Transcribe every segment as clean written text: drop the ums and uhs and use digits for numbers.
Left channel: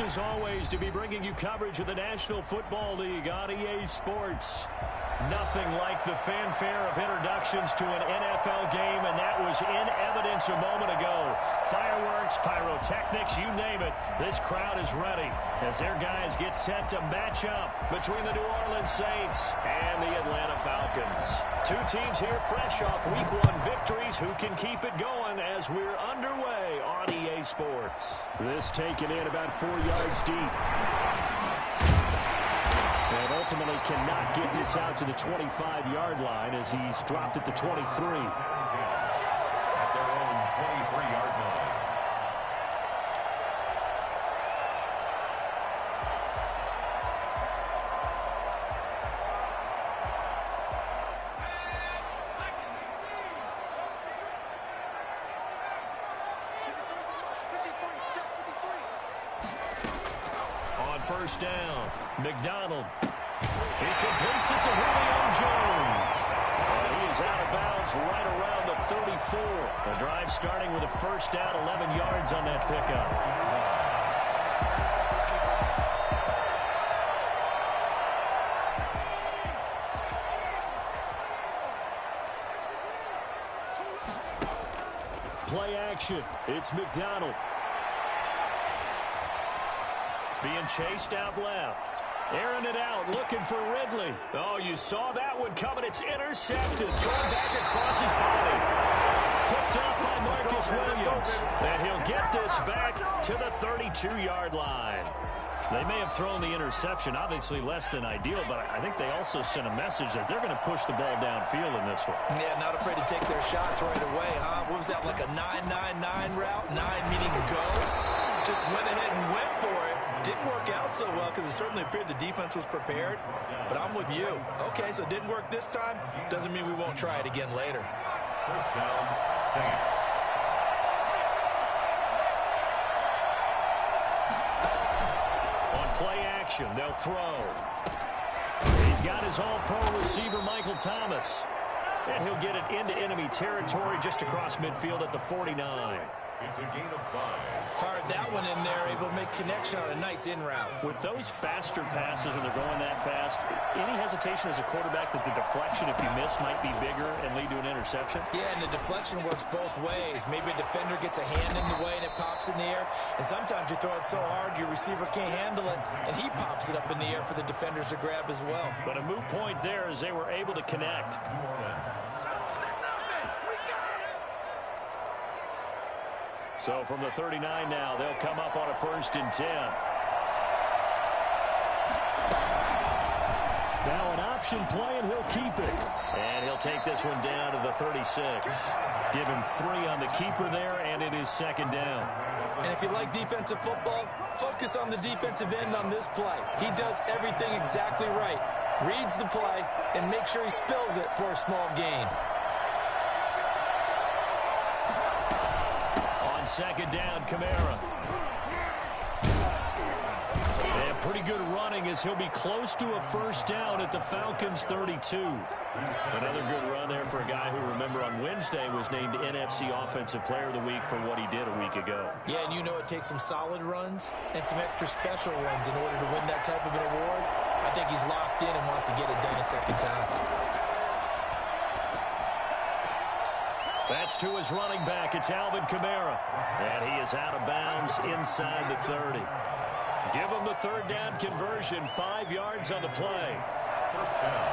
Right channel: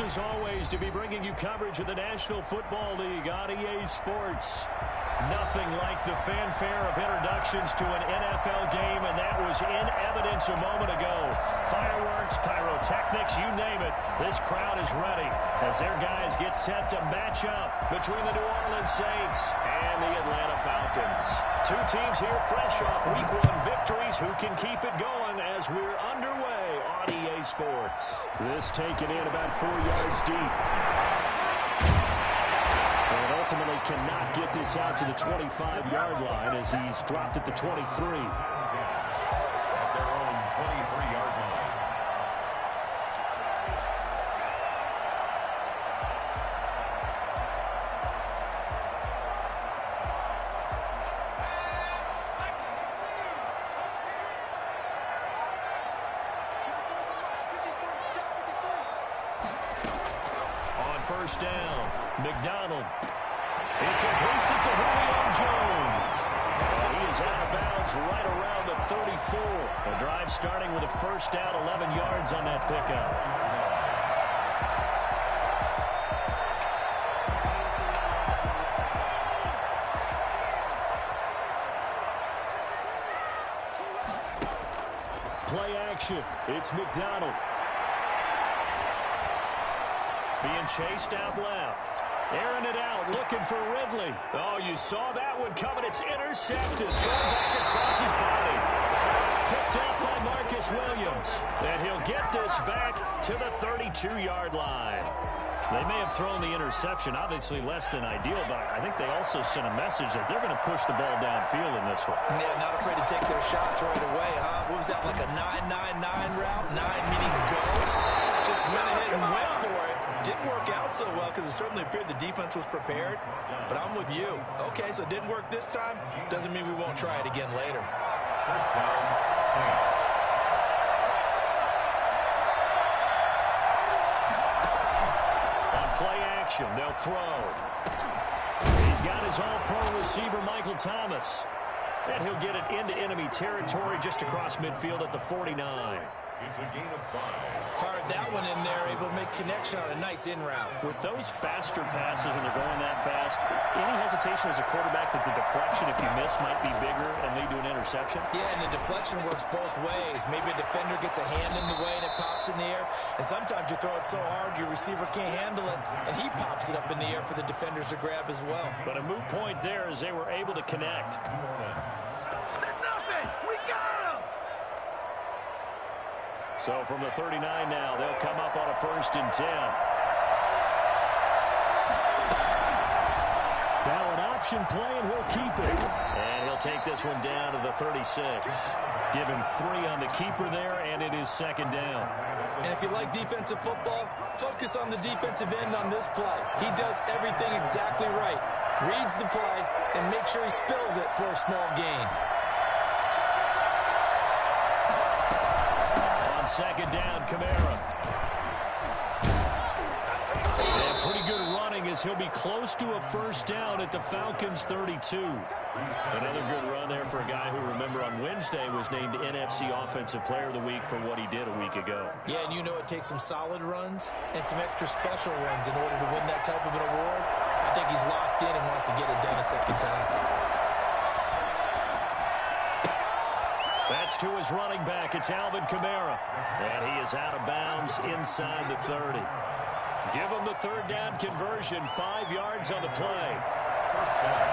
Pleased as always to be bringing you coverage of the National Football League on EA Sports. Nothing like the fanfare of introductions to an NFL game, and that was in evidence a moment ago. Fireworks, pyrotechnics, you name it. This crowd is ready as their guys get set to match up between the New Orleans Saints and the Atlanta Falcons. Two teams here fresh off Week 1 victories. Who can keep it going as we're underway on EA Sports? This taken in about 4 yards deep. And ultimately cannot get this out to the 25-yard line as he's dropped at the 23. At their own 23-yard line. On first down, McDonald. He completes it to Julio Jones. And he is out of bounds right around the 34. The drive starting with a first down, 11 yards on that pickup. Play action. It's McDonald. Being chased out left. Airing it out, looking for Ridley. Oh, you saw that one coming. It's intercepted. Thrown back across his body. Picked up by Marcus Williams. And he'll get this back to the 32-yard line. They may have thrown the interception, obviously less than ideal, but I think they also sent a message that they're going to push the ball downfield in this one. Yeah, not afraid to take their shots right away, huh? What was that, like a 9-9-9 route? 9 meaning go? Just went ahead and went for it. Didn't work out so well because it certainly appeared the defense was prepared. But I'm with you. Okay, so it didn't work this time. Doesn't mean we won't try it again later. First down, Saints. On play action, they'll throw. He's got his all-pro receiver, Michael Thomas. And he'll get it into enemy territory just across midfield at the 49. It's a gain of 5. Fired that one in there, able to make connection on a nice in route. With those faster passes and they're going that fast, any hesitation as a quarterback that the deflection, if you miss, might be bigger and lead to an interception? Yeah, and the deflection works both ways. Maybe a defender gets a hand in the way and it pops in the air. And sometimes you throw it so hard your receiver can't handle it, and he pops it up in the air for the defenders to grab as well. But a moot point there as they were able to connect. So from the 39 now, they'll come up on a 1st and 10. Now an option play, and he'll keep it. And he'll take this one down to the 36. Give him 3 on the keeper there, and it is 2nd down. And if you like defensive football, focus on the defensive end on this play. He does everything exactly right. Reads the play and makes sure he spills it for a small gain. On 2nd down, Kamara. And pretty good running as he'll be close to a 1st down at the Falcons' 32. Another good run there for a guy who, remember, on Wednesday was named NFC Offensive Player of the Week for what he did a week ago. Yeah, and you know it takes some solid runs and some extra special runs in order to win that type of an award. I think he's locked in and wants to get it done a 2nd time. That's to his running back. It's Alvin Kamara. And he is out of bounds inside the 30. Give him the 3rd down conversion. 5 yards on the play. First down.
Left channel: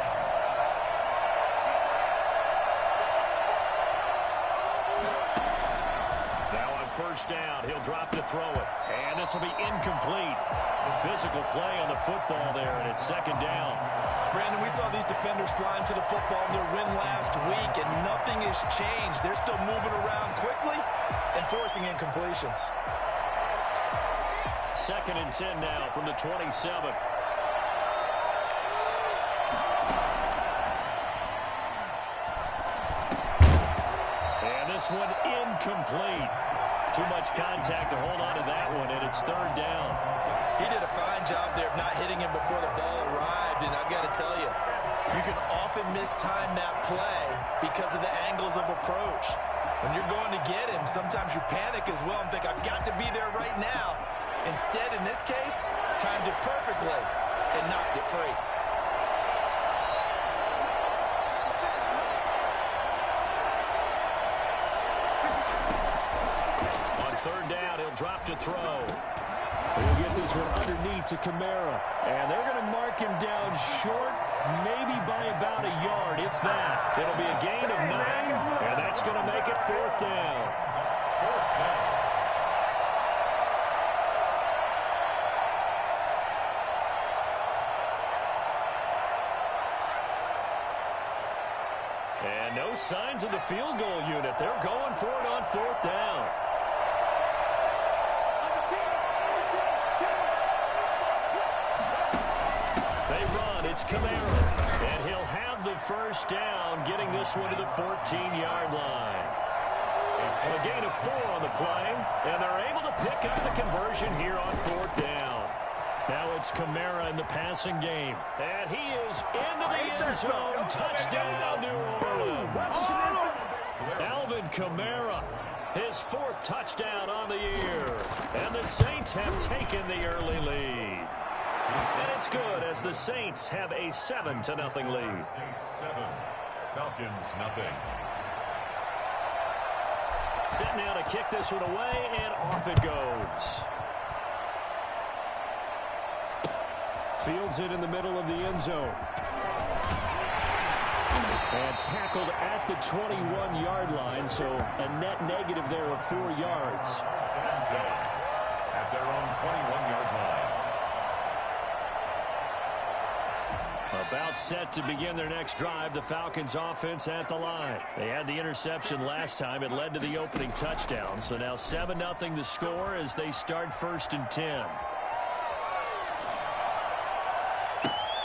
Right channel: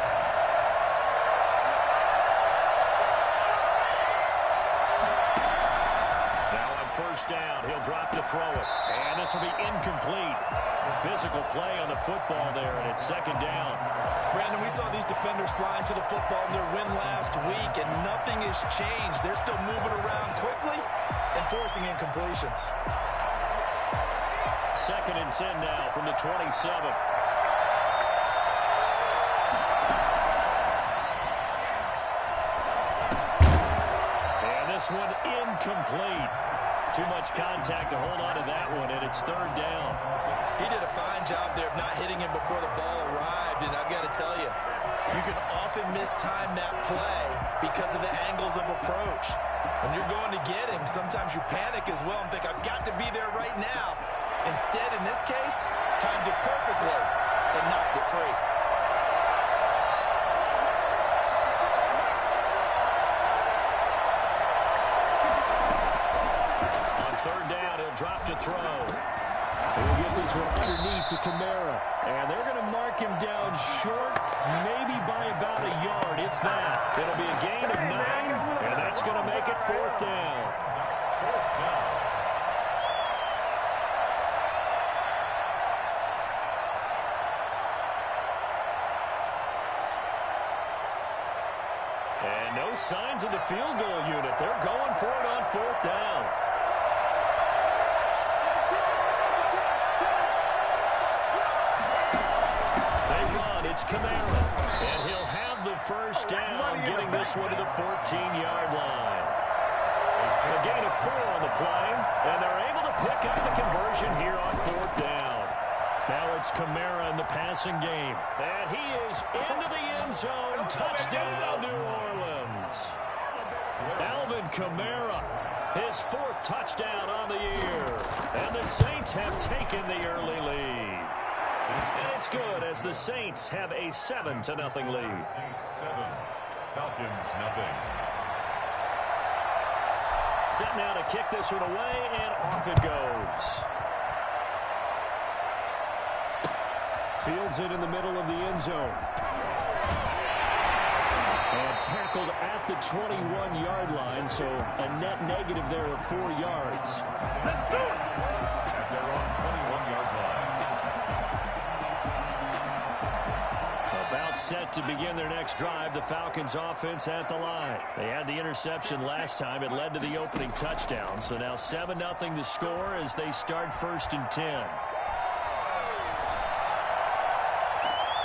Now on 1st down, he'll drop to throw it. And this will be incomplete. Physical play on the football there, and it's 2nd down. Brandon, we saw these defenders flying to the football in their win last week, and nothing has changed. They're still moving around quickly and forcing incompletions. 2nd and 10 now from the 27. And this one incomplete. Too much contact to hold on to that one, and it's 3rd down. He did a fine job there of not hitting him before the ball arrived, and I've got to tell you, you can often mistime that play because of the angles of approach. When you're going to get him, sometimes you panic as well and think, I've got to be there right now. Instead, in this case, timed it perfectly and knocked it free. On third down, he'll drop to throw. He'll get this one underneath to Kamara. And they're going to mark him down short, maybe by about a yard, if that. It'll be a gain of 9, and that's going to make it fourth down. Fourth down. And no signs of the field goal unit. They're going for it on fourth down. They run. It's Kamara. And he'll have the first down, getting this one to the 14-yard line. A gain of 4 on the play, and they're able to pick up the conversion here on fourth down. Now it's Kamara in the passing game. And he is into the end zone. Touchdown, New Orleans. Alvin Kamara, his 4th touchdown on the year. And the Saints have taken the early lead. And it's good as the Saints have a 7-0 lead. Saints 7, Falcons nothing. Set now to kick this one away, and off it goes. Fields it in the middle of the end zone. And tackled at the 21-yard line, so a net negative there of 4 yards. At their own 21-yard line. About set to begin their next drive, the Falcons offense at the line. They had the interception last time. It led to the opening touchdown. So now 7-0 the score as they start 1st and 10.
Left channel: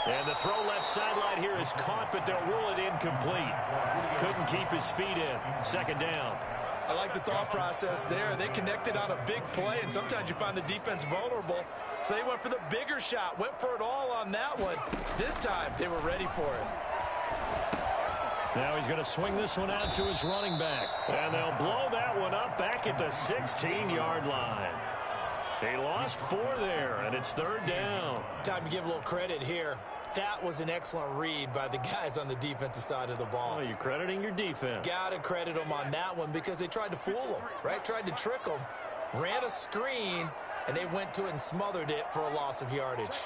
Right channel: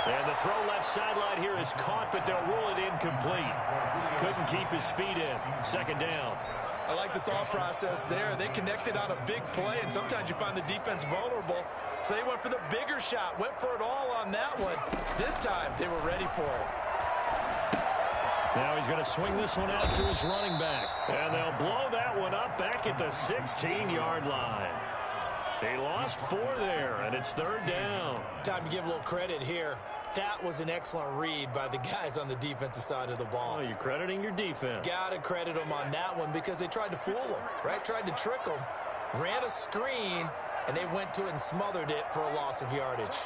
And the throw left sideline here is caught, but they'll rule it incomplete. Couldn't keep his feet in. 2nd down. I like the thought process there. They connected on a big play, and sometimes you find the defense vulnerable. So they went for the bigger shot, went for it all on that one. This time, they were ready for it. Now he's going to swing this one out to his running back. And they'll blow that one up back at the 16-yard line. They lost 4 there, and it's 3rd down. Time to give a little credit here. That was an excellent read by the guys on the defensive side of the ball. Oh, you're crediting your defense. Got to credit them on that one because they tried to fool them, right? Tried to trick them. Ran a screen, and they went to it and smothered it for a loss of yardage.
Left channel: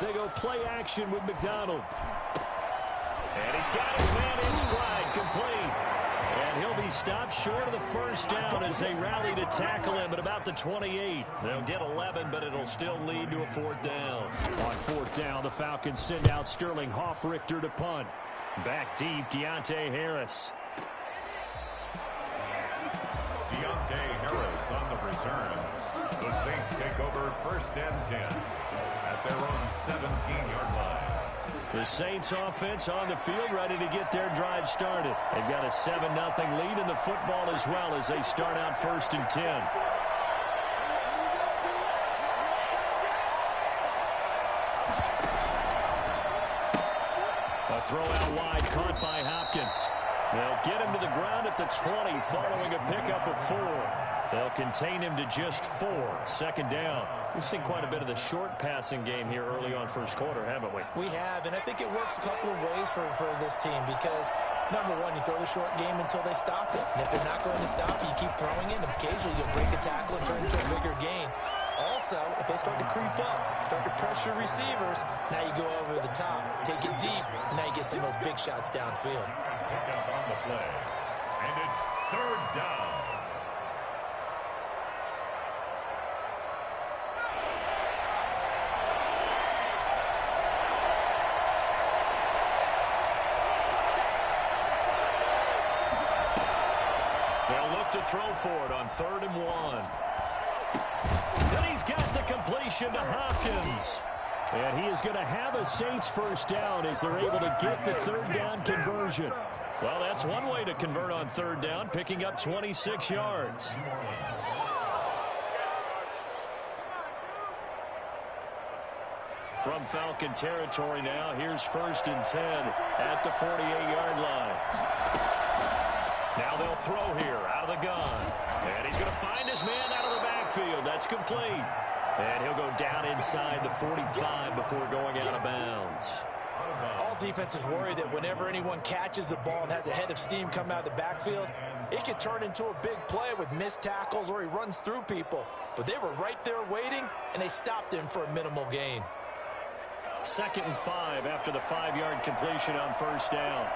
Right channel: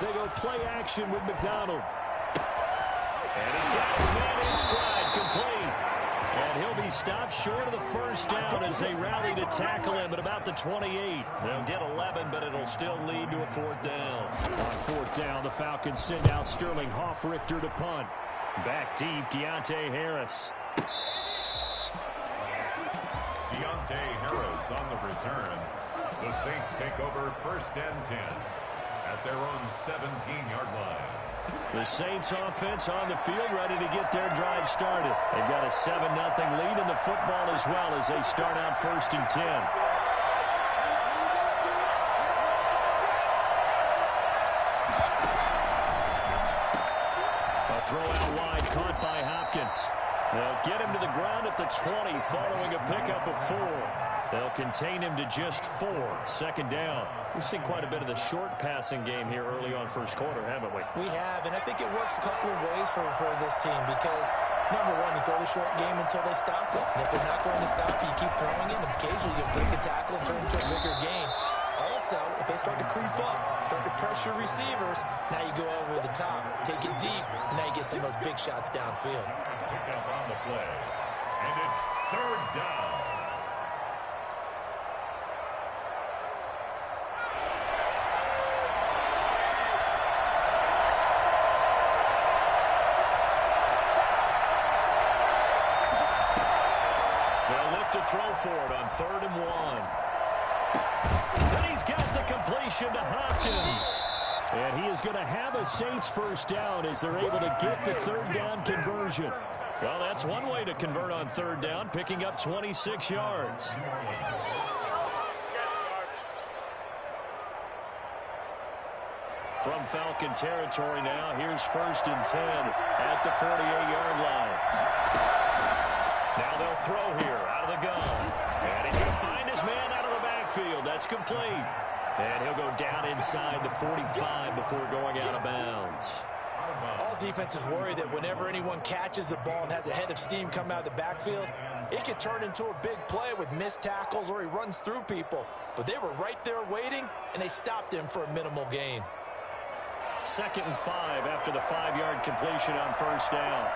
They go play action with McDonald. And he's got his man in stride, complete. And he'll be stopped short of the first down as they rally to tackle him at about the 28. They'll get 11, but it'll still lead to a 4th down. On 4th down, the Falcons send out Sterling Hoffrichter to punt. Back deep, Deontay Harris. Deontay Harris on the return. The Saints take over 1st and 10 at their own 17-yard line. The Saints offense on the field ready to get their drive started. They've got a 7-0 lead in the football as well as they start out 1st and 10. A throw out wide caught by Hopkins. They'll get him to the ground at the 20 following a pickup of 4. They'll contain him to just 4. 2nd down. We've seen quite a bit of the short passing game here early on first quarter, haven't we? We have, and I think it works a couple of ways for this team because, number one, you throw the short game until they stop it. And if they're not going to stop it, you keep throwing it, and occasionally you break a tackle and turn it into a bigger gain. Also, if they start to creep up, start to pressure receivers, now you go over the top, take it deep, and now you get some of those big shots downfield. Pick up on the play, and it's 3rd down. They'll look to throw for it on 3rd and 1. Then he's got the completion to Hopkins. And he is going to have a Saints first down as they're able to get the 3rd down conversion. Well, that's one way to convert on 3rd down, picking up 26 yards. From Falcon territory now, here's 1st and 10 at the 48-yard line. Now they'll throw here out of the gun. And he's going to find his man out of the backfield. That's complete. And he'll go down inside the 45 before going out of bounds. All defenses worry that whenever anyone catches the ball and has a head of steam come out of the backfield, it could turn into a big play with missed tackles or he runs through people. But they were right there waiting, and they stopped him for a minimal gain. 2nd and 5 after the 5-yard completion on first down.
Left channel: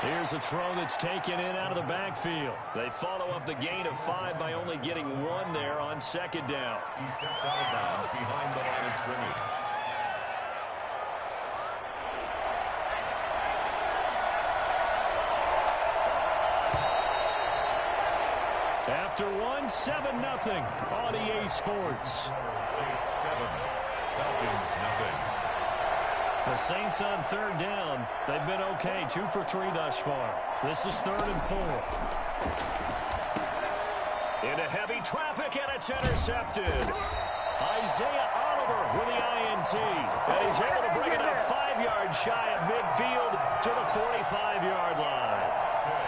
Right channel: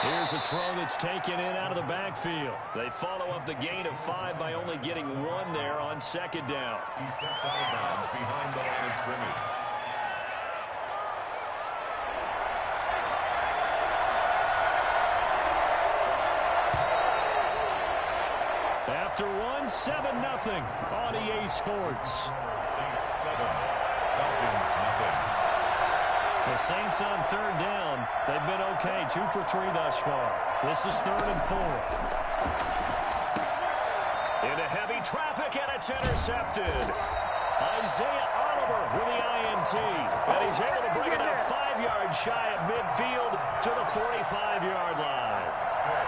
Here's a throw that's taken in out of the backfield. They follow up the gain of 5 by only getting 1 there on 2nd down. He steps out of bounds behind the line of scrimmage. After 1, 7-0 on EA Sports. Saints 7, Falcons 0. The Saints on 3rd down. They've been okay, 2 for 3 thus far. This is 3rd and 4. Into heavy traffic, and it's intercepted. Isaiah Oliver with the INT. And he's able to bring it up 5 yards shy of midfield to the 45-yard line.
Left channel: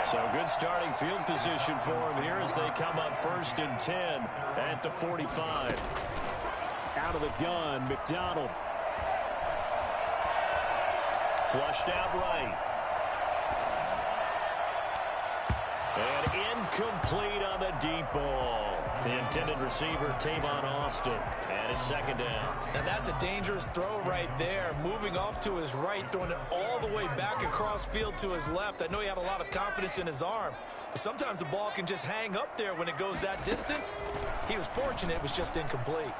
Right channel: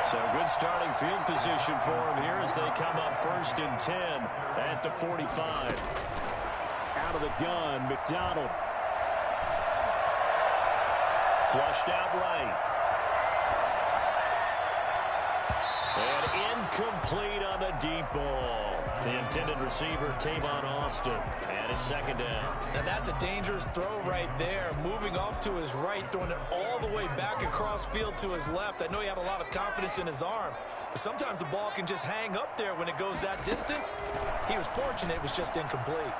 So good starting field position for him here as they come up 1st and 10 at the 45. Out of the gun, McDonald. Flushed out right. And incomplete on the deep ball. The intended receiver, Tavon Austin. And it's 2nd down. Now that's a dangerous throw right there. Moving off to his right, throwing it all the way back across field to his left. I know he had a lot of confidence in his arm. But sometimes the ball can just hang up there when it goes that distance. He was fortunate it was just incomplete.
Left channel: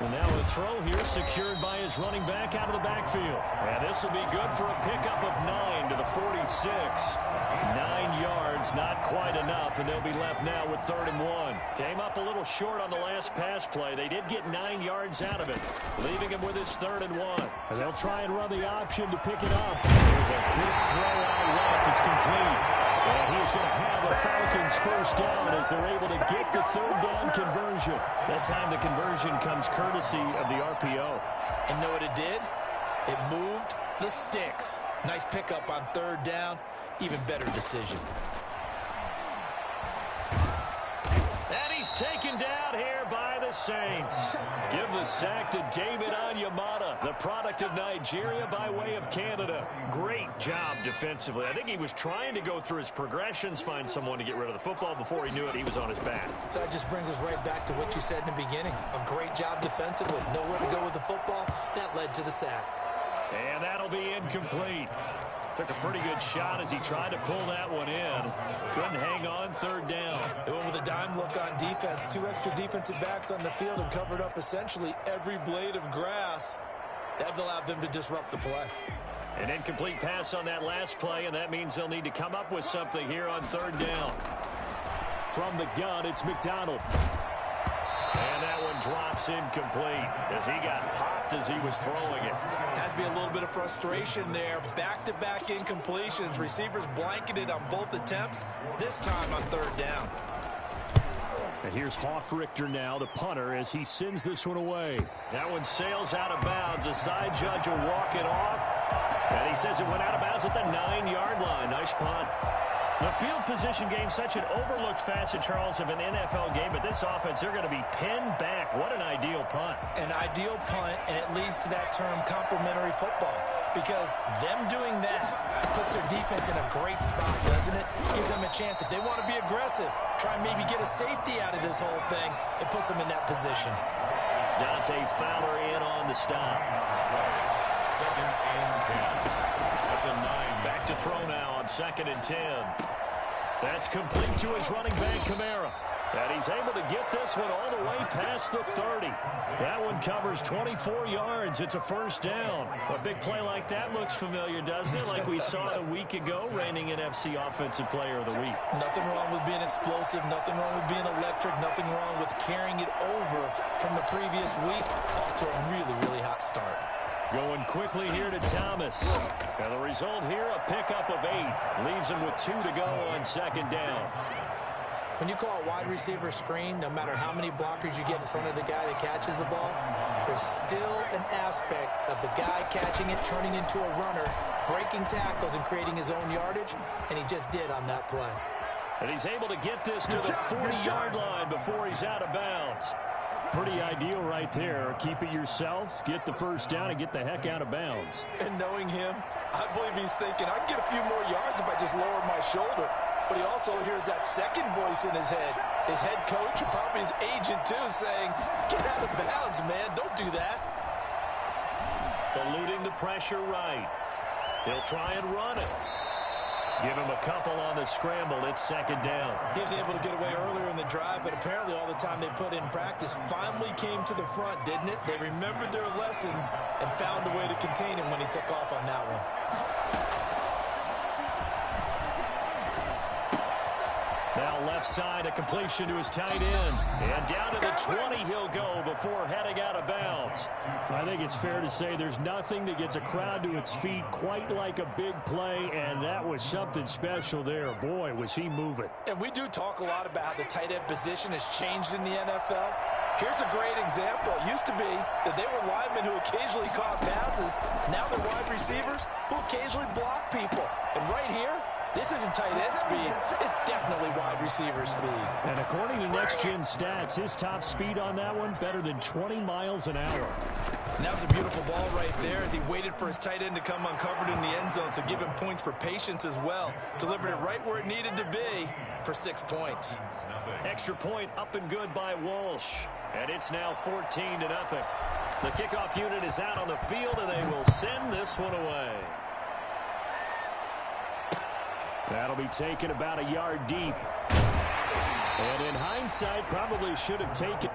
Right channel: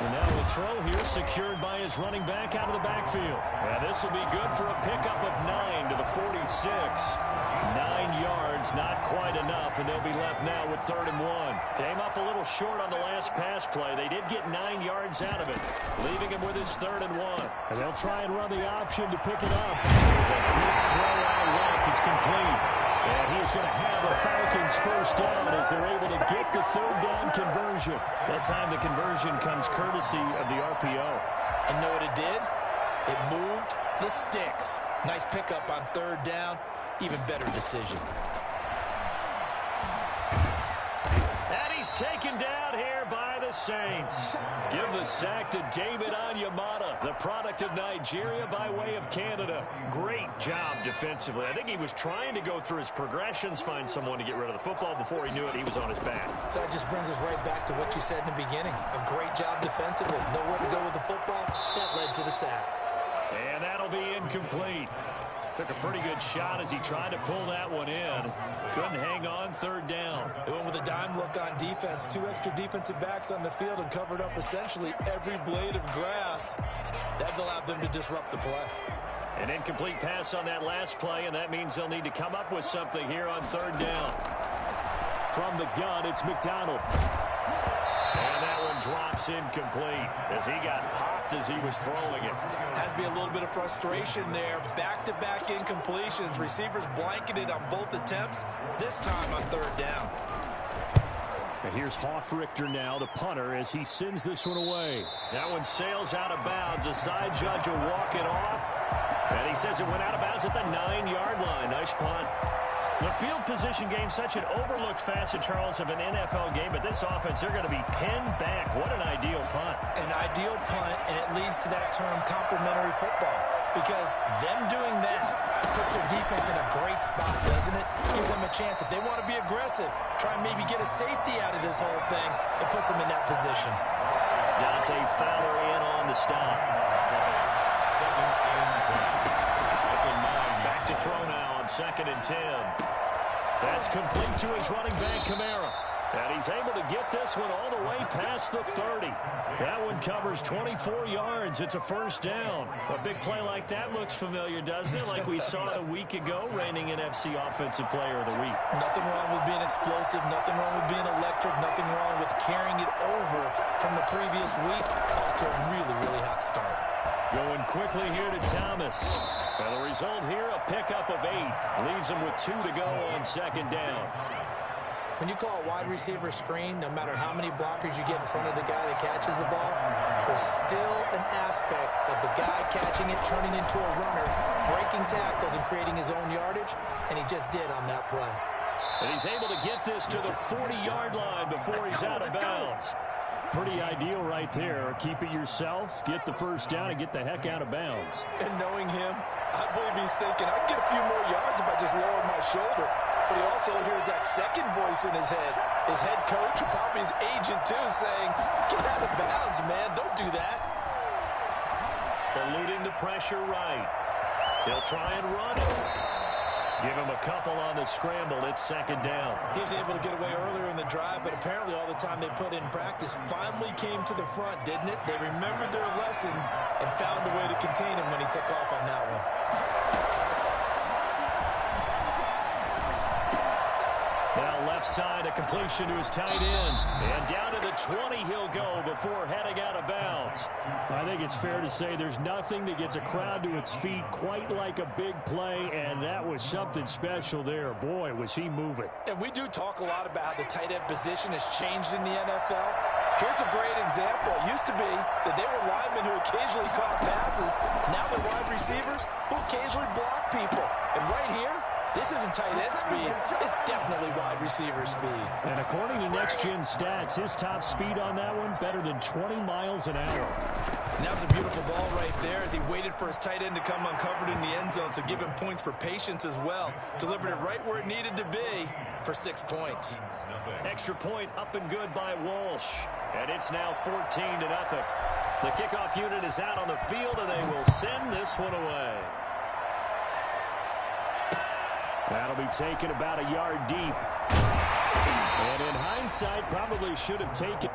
And now a throw here secured by his running back out of the backfield. And this will be good for a pickup of 9 to the 46. 9 yards, not quite enough, and they'll be left now with 3rd and 1. Came up a little short on the last pass play. They did get 9 yards out of it, leaving him with his 3rd and 1. And they'll try and run the option to pick it up. There's a quick throw out left. It's complete. And he is going to have a Falcons 1st down as they're able to get the 3rd down conversion. That time the conversion comes courtesy of the RPO. And know what it did? It moved the sticks. Nice pickup on 3rd down. Even better decision. And he's taken down here by the Saints. Give the sack to David Onyemata, the product of Nigeria by way of Canada. Great job defensively. I think he was trying to go through his progressions, find someone to get rid of the football. Before he knew it, he was on his back. So that just brings us right back to what you said in the beginning. A great job defensively. Nowhere to go with the football. That led to the sack. And that'll be incomplete. Took a pretty good shot as he tried to pull that one in. Couldn't hang on 3rd down. They went with a dime look on defense. 2 extra defensive backs on the field and covered up essentially every blade of grass. That allowed them to disrupt the play. An incomplete pass on that last play, and that means they'll need to come up with something here on 3rd down. From the gun, it's McDonald. And that one drops incomplete as he got popped as he was throwing it. Has to be a little bit of frustration there. Back-to-back incompletions. Receivers blanketed on both attempts, this time on 3rd down. And here's Hoffrichter now, the punter, as he sends this one away. That one sails out of bounds. The side judge will walk it off. And he says it went out of bounds at the 9-yard line. Nice punt. The field position game, such an overlooked facet, Charles, of an NFL game, but this offense, they're going to be pinned back. What an ideal punt. An ideal punt, and it leads to that term complementary football, because them doing that puts their defense in a great spot, doesn't it? Gives them a chance. If they want to be aggressive, try and maybe get a safety out of this whole thing, it puts them in that position. Dante Fowler in on the stop. 2nd and 10. At the 9. Back to throw now on 2nd and 10. That's complete to his running back, Kamara. And he's able to get this one all the way past the 30. That one covers 24 yards. It's a 1st down. A big play like that looks familiar, doesn't it? Like we saw a week ago, reigning NFC Offensive Player of the Week. Nothing wrong with being explosive. Nothing wrong with being electric. Nothing wrong with carrying it over from the previous week off to a really, really hot start. Going quickly here to Thomas. And the result here, a pickup of 8. Leaves him with 2 to go on 2nd down. When you call a wide receiver screen, no matter how many blockers you get in front of the guy that catches the ball, there's still an aspect of the guy catching it, turning into a runner, breaking tackles and creating his own yardage, and he just did on that play. And he's able to get this to the 40-yard line before he's out of bounds. Pretty ideal right there. Keep it yourself, get the first down, and get the heck out of bounds. And knowing him, I believe he's thinking, I can get a few more yards if I just lower my shoulder. But he also hears that second voice in his head. His head coach, and probably his agent too, saying, get out of bounds, man. Don't do that. Eluding the pressure right. He'll try and run it. Give him a couple on the scramble. It's second down. He was able to get away earlier in the drive, but apparently all the time they put in practice finally came to the front, didn't it? They remembered their lessons and found a way to contain him when he took off on that one. Now left side, a completion to his tight end. And down to the 20 he'll go before heading out of bounds. I think it's fair to say there's nothing that gets a crowd to its feet quite like a big play, and that was something special there. Boy, was he moving. And we do talk a lot about how the tight end position has changed in the NFL. Here's a great example. It used to be that they were linemen who occasionally caught passes. Now they're wide receivers who occasionally block people. And right here, this isn't tight end speed. It's definitely wide receiver speed. And according to Next Gen Stats, his top speed on that one, better than 20 miles an hour. And that was a beautiful ball right there as he waited for his tight end to come uncovered in the end zone, so give him points for patience as well. Delivered it right where it needed to be for 6 points. Extra point up and good by Walsh. And it's now 14-0. The kickoff unit is out on the field, and they will send this one away. That'll be taken about a yard deep. And in hindsight, probably should have taken.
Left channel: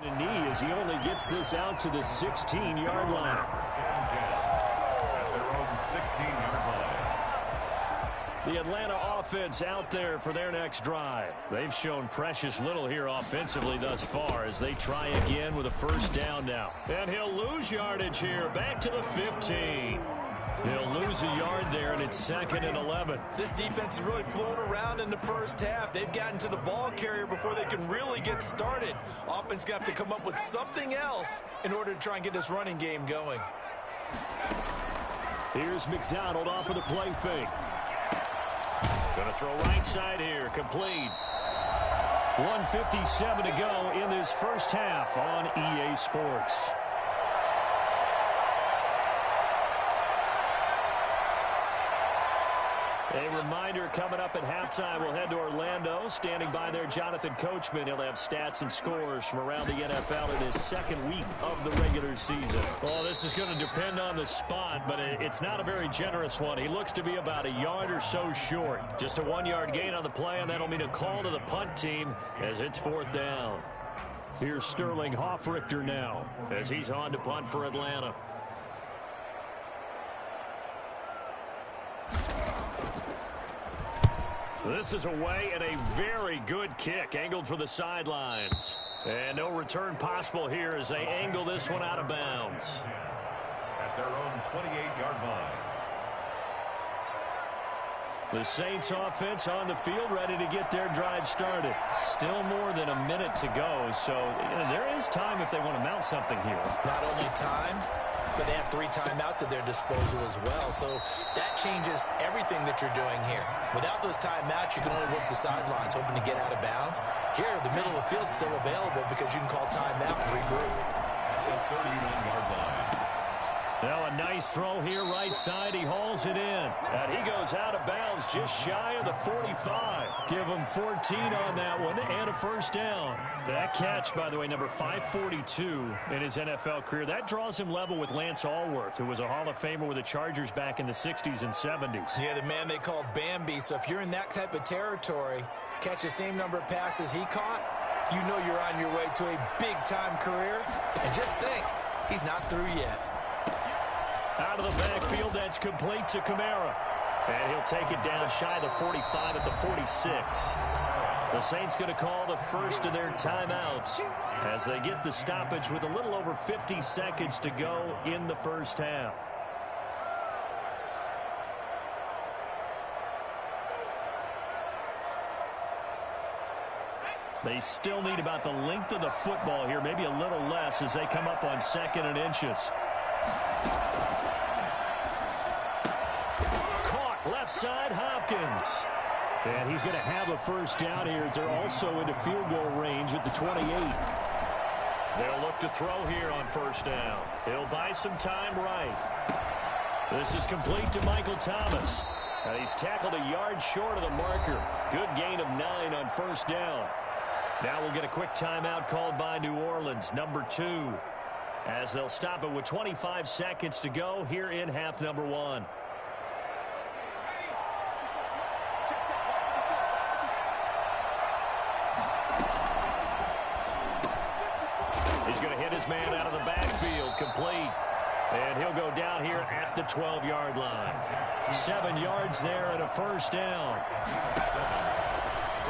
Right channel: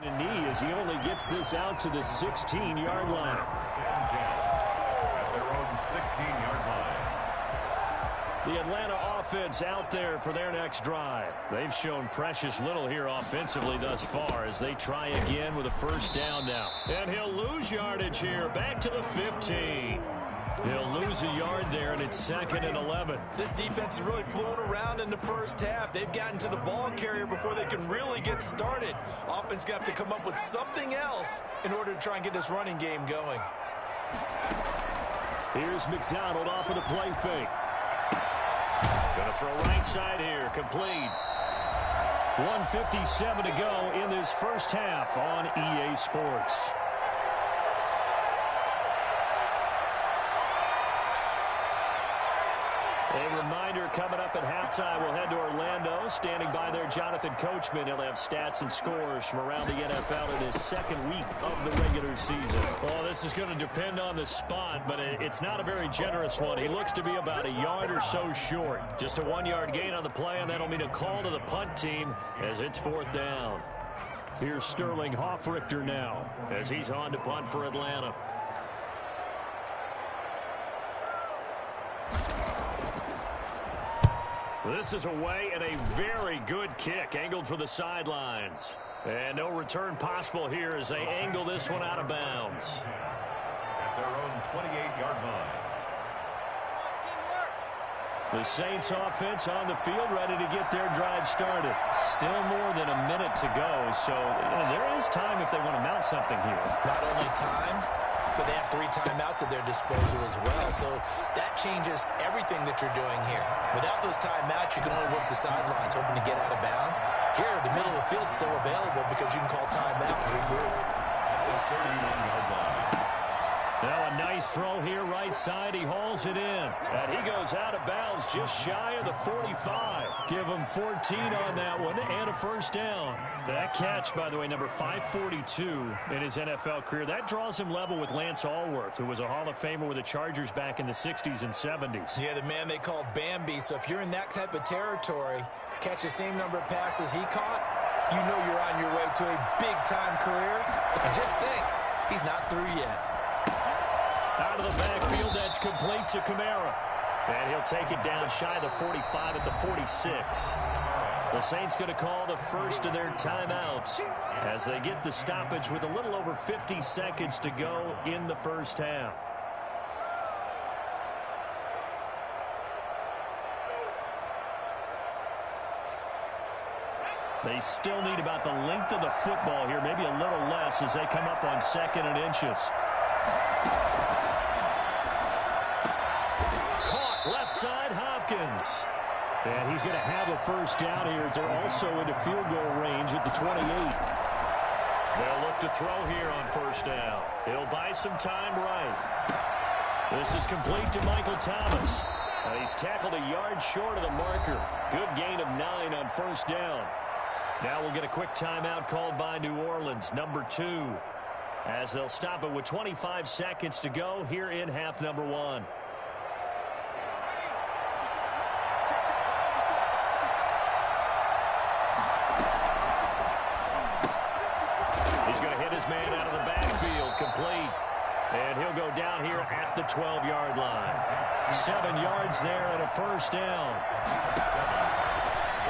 A knee as he only gets this out to the 16-yard line. At their own 16-yard line. The Atlanta offense out there for their next drive. They've shown precious little here offensively thus far as they try again with a first down now. And he'll lose yardage here, back to the 15. He'll lose a yard there, and it's 2nd and 11. This defense has really flown around in the first half. They've gotten to the ball carrier before they can really get started. Offense going to have to come up with something else in order to try and get this running game going. Here's McDonald off of the play fake. Going to throw right side here, complete. 1:57 to go in this first half on EA Sports. A reminder coming up at halftime, we'll head to Orlando. Standing by there, Jonathan Coachman. He'll have stats and scores from around the NFL in his second week of the regular season. Well, this is going to depend on the spot, but it's not a very generous one. He looks to be about a yard or so short. Just a 1-yard gain on the play, and that'll mean a call to the punt team as it's 4th down. Here's Sterling Hoffrichter now as he's on to punt for Atlanta. This is away and a very good kick angled for the sidelines. And no return possible here as they angle this one out of bounds. At their own 28-yard line. The Saints offense on the field ready to get their drive started. Still more than a minute to go, so there is time if they want to mount something here. Not only time, but they have 3 timeouts at their disposal as well. So that changes everything that you're doing here. Without those timeouts, you can only work the sidelines, hoping to get out of bounds. Here, the middle of the field's still available because you can call timeout and regroup. At the 31-yard line. Now a nice throw here right side. He hauls it in. And he goes out of bounds just shy of the 45. Give him 14 on that one and a first down. That catch, by the way, number 542 in his NFL career. That draws him level with Lance Allworth, who was a Hall of Famer with the Chargers back in the 60s and 70s. Yeah, the man they called Bambi. So if you're in that type of territory, catch the same number of passes he caught, you know you're on your way to a big-time career. And just think, he's not through yet. Out of the backfield, that's complete to Kamara. And he'll take it down shy of the 45 at the 46. The Saints going to call the first of their timeouts as they get the stoppage with a little over 50 seconds to go in the first half. They still need about the length of the football here, maybe a little less as they come up on 2nd and inches. Left side, Hopkins. And he's going to have a first down here as they're also into field goal range at the 28. They'll look to throw here on first down. He'll buy some time right. This is complete to Michael Thomas. And he's tackled a yard short of the marker. Good gain of 9 on first down. Now we'll get a quick timeout called by New Orleans, number 2. As they'll stop it with 25 seconds to go here in half number 1. He's going to hit his man out of the backfield, complete. And he'll go down here at the 12-yard line. 7 yards there and a first down.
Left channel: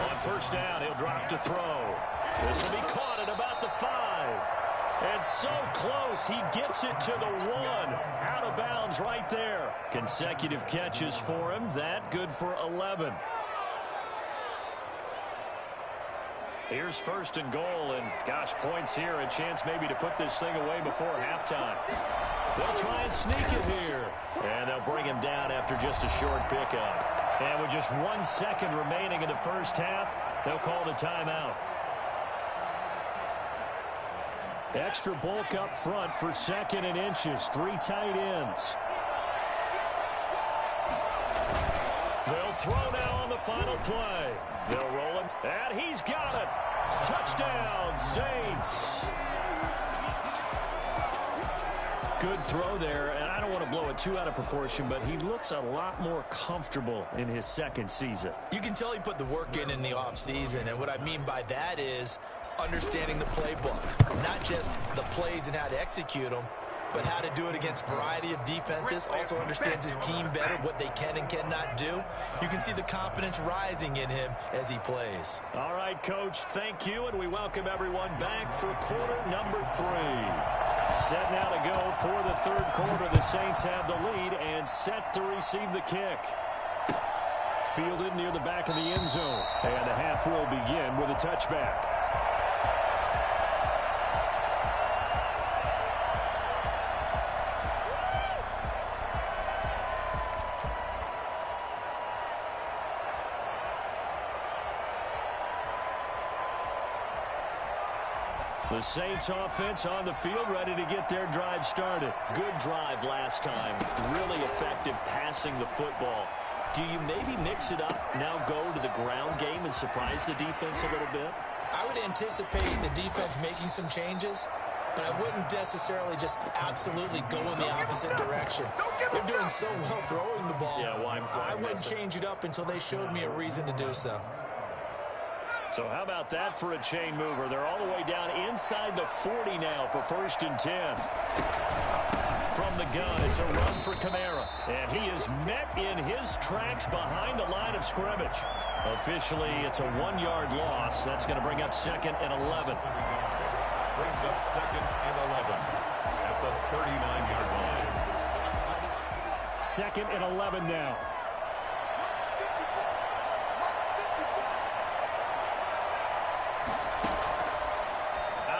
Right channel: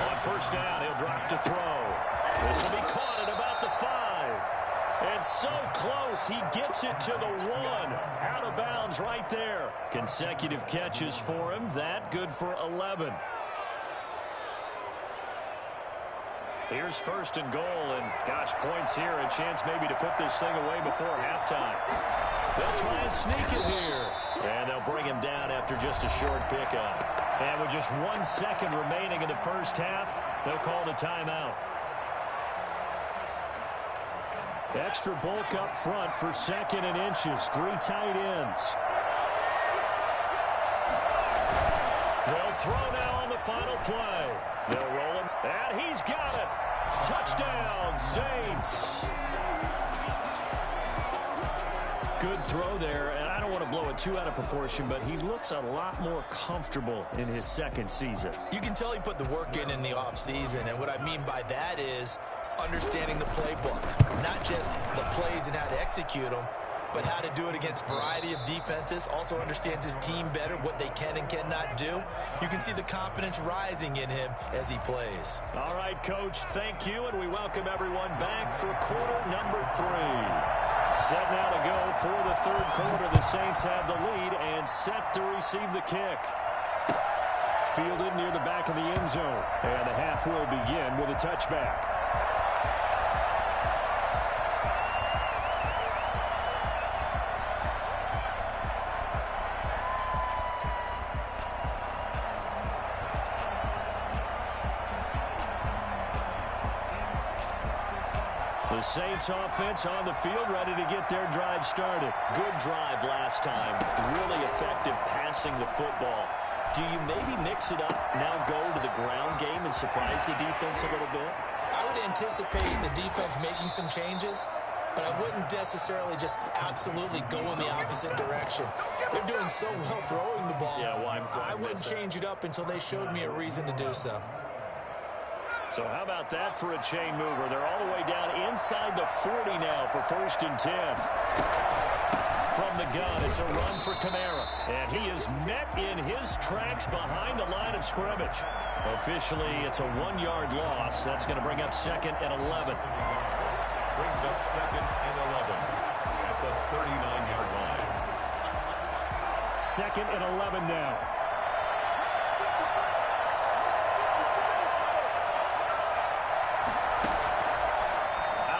On first down, he'll drop to throw. This will be caught at about the 5. And so close, he gets it to the 1. Out of bounds right there. Consecutive catches for him. That good for 11. Here's 1st and goal, and gosh, points here, a chance maybe to put this thing away before halftime. They'll try and sneak it here, and they'll bring him down after just a short pickup. And with just 1 second remaining in the first half, they'll call the timeout. Extra bulk up front for 2nd and inches, 3 tight ends. They'll throw now on the final play. They'll roll him, and he's got it. Touchdown, Saints. Good throw there, and I don't want to blow it too out of proportion, but he looks a lot more comfortable in his 2nd season. You can tell he put the work in the offseason, and what I mean by that is understanding the playbook. Not just the plays and how to execute them, but how to do it against a variety of defenses. Also understands his team better, what they can and cannot do. You can see the confidence rising in him as he plays. All right, Coach, thank you, and we welcome everyone back for quarter number 3. Set now to go for the 3rd quarter. The Saints have the lead and set to receive the kick. Fielded near the back of the end zone, and the half will begin with a touchback. The Saints offense on the field, ready to get their drive started. Good drive last time. Really effective passing the football. Do you maybe mix it up, now go to the ground game and surprise the defense a little bit? I would anticipate the defense making some changes, but I wouldn't necessarily just absolutely go in the opposite direction. They're doing so well throwing the ball. Yeah, why I wouldn't change it up until they showed me a reason to do so. So how about that for a chain mover? They're all the way down inside the 40 now for 1st and 10. From the gun, it's a run for Kamara. And he is met in his tracks behind the line of scrimmage. Officially, it's a 1-yard loss. That's going to bring up 2nd and 11. Brings up 2nd and 11 at the 39-yard line. 2nd and 11 now.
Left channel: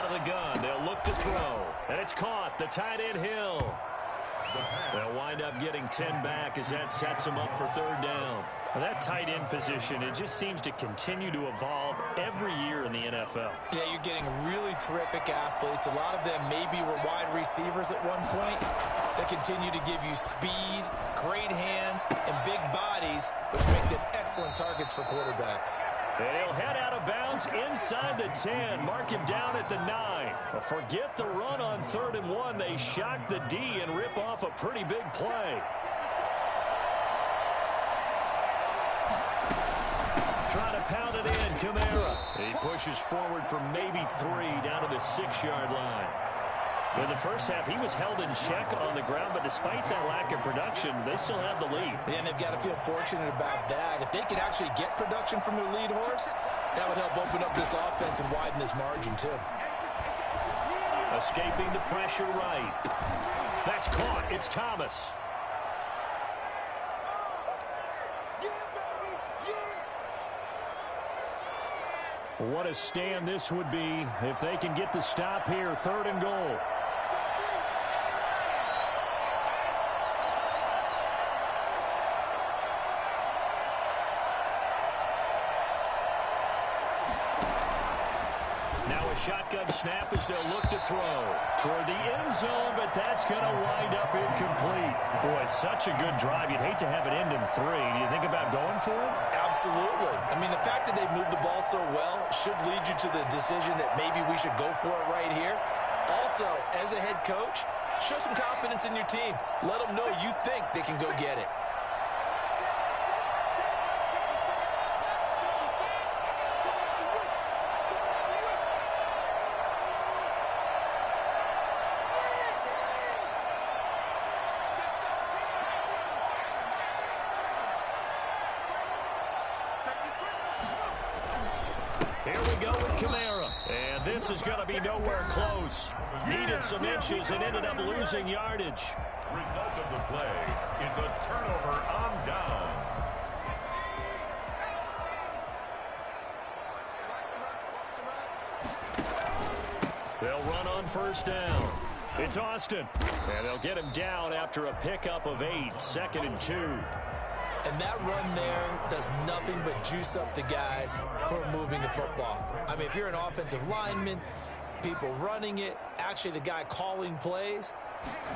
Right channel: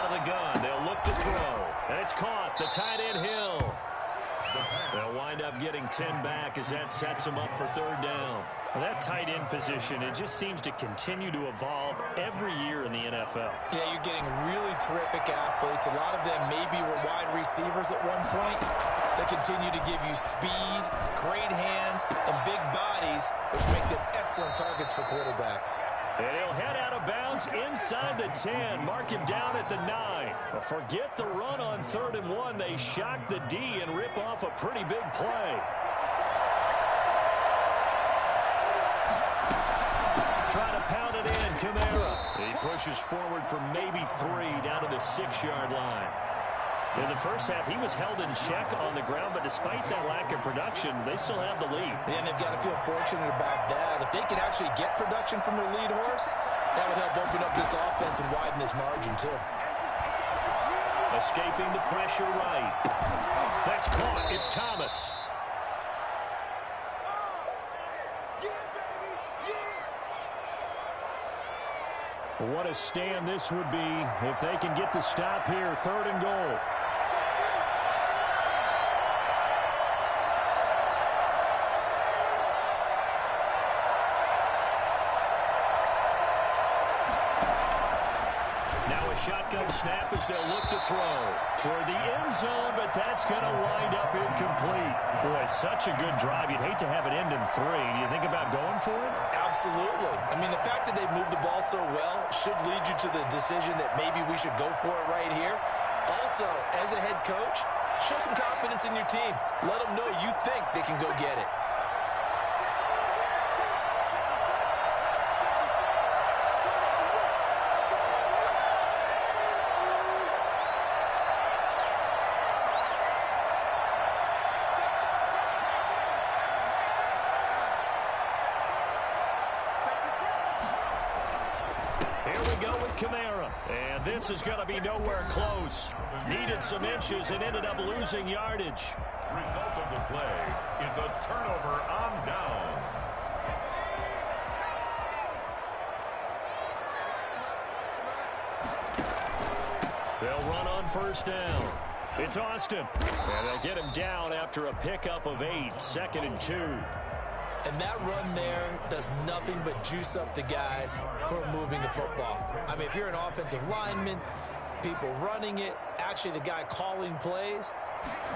The gun, they'll look to throw, and it's caught. The tight end Hill. They'll wind up getting 10 back as that sets them up for 3rd down. Well, that tight end position, it just seems to continue to evolve every year in the NFL. Yeah, you're getting really terrific athletes. A lot of them maybe were wide receivers at one point. They continue to give you speed, great hands, and big bodies, which make them excellent targets for quarterbacks. And he'll head out of bounds inside the 10. Mark him down at the 9. But forget the run on 3rd and 1. They shock the D and rip off a pretty big play. Trying to pound it in, Kamara. He pushes forward for maybe 3 down to the 6-yard line. In the first half, he was held in check on the ground, but despite that lack of production, they still have the lead. And they've got to feel fortunate about that. If they can actually get production from their lead horse, that would help open up this offense and widen this margin, too. Escaping the pressure right. That's caught. It's Thomas. What a stand this would be if they can get the stop here. 3rd and goal. Now a shotgun snap as they'll look to throw toward the end zone, but that's going to wind up incomplete. Boy, such a good drive. You'd hate to have it end in 3. Do you think about going for it? Absolutely. I mean, the fact that they've moved the ball so well should lead you to the decision that maybe we should go for it right here. Also, as a head coach, show some confidence in your team. Let them know you think they can go get it. Here we go with Kamara. And this is going to be nowhere close. Needed some inches and ended up losing yardage. Result of the play is a turnover on downs. They'll run on 1st down. It's Austin. And they'll get him down after a pickup of 8. 2nd and 2. And that run there does nothing but juice up the guys who are moving the football. I mean, if you're an offensive lineman, people running it, actually the guy calling plays,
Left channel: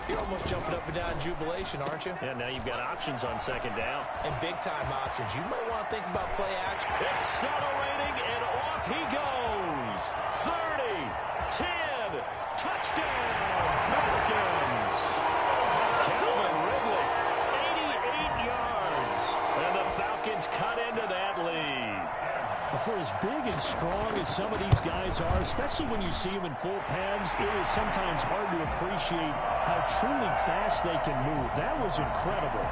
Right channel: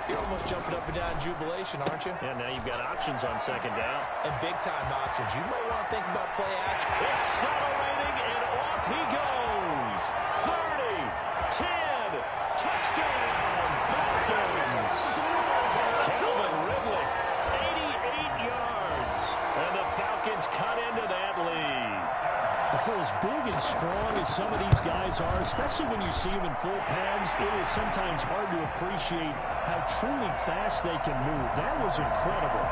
you're almost jumping up and down in jubilation, aren't you? Yeah, now you've got options on 2nd down. And big-time options. You might want to think about play action. Accelerating, and off he goes. 30, 10, touchdown, Falcons. Calvin Ridley, 88 yards. And the Falcons cut into that lead. For as big and strong as some of these guys are, especially when you see them in full pads, it is sometimes hard to appreciate how truly fast they can move. That was incredible.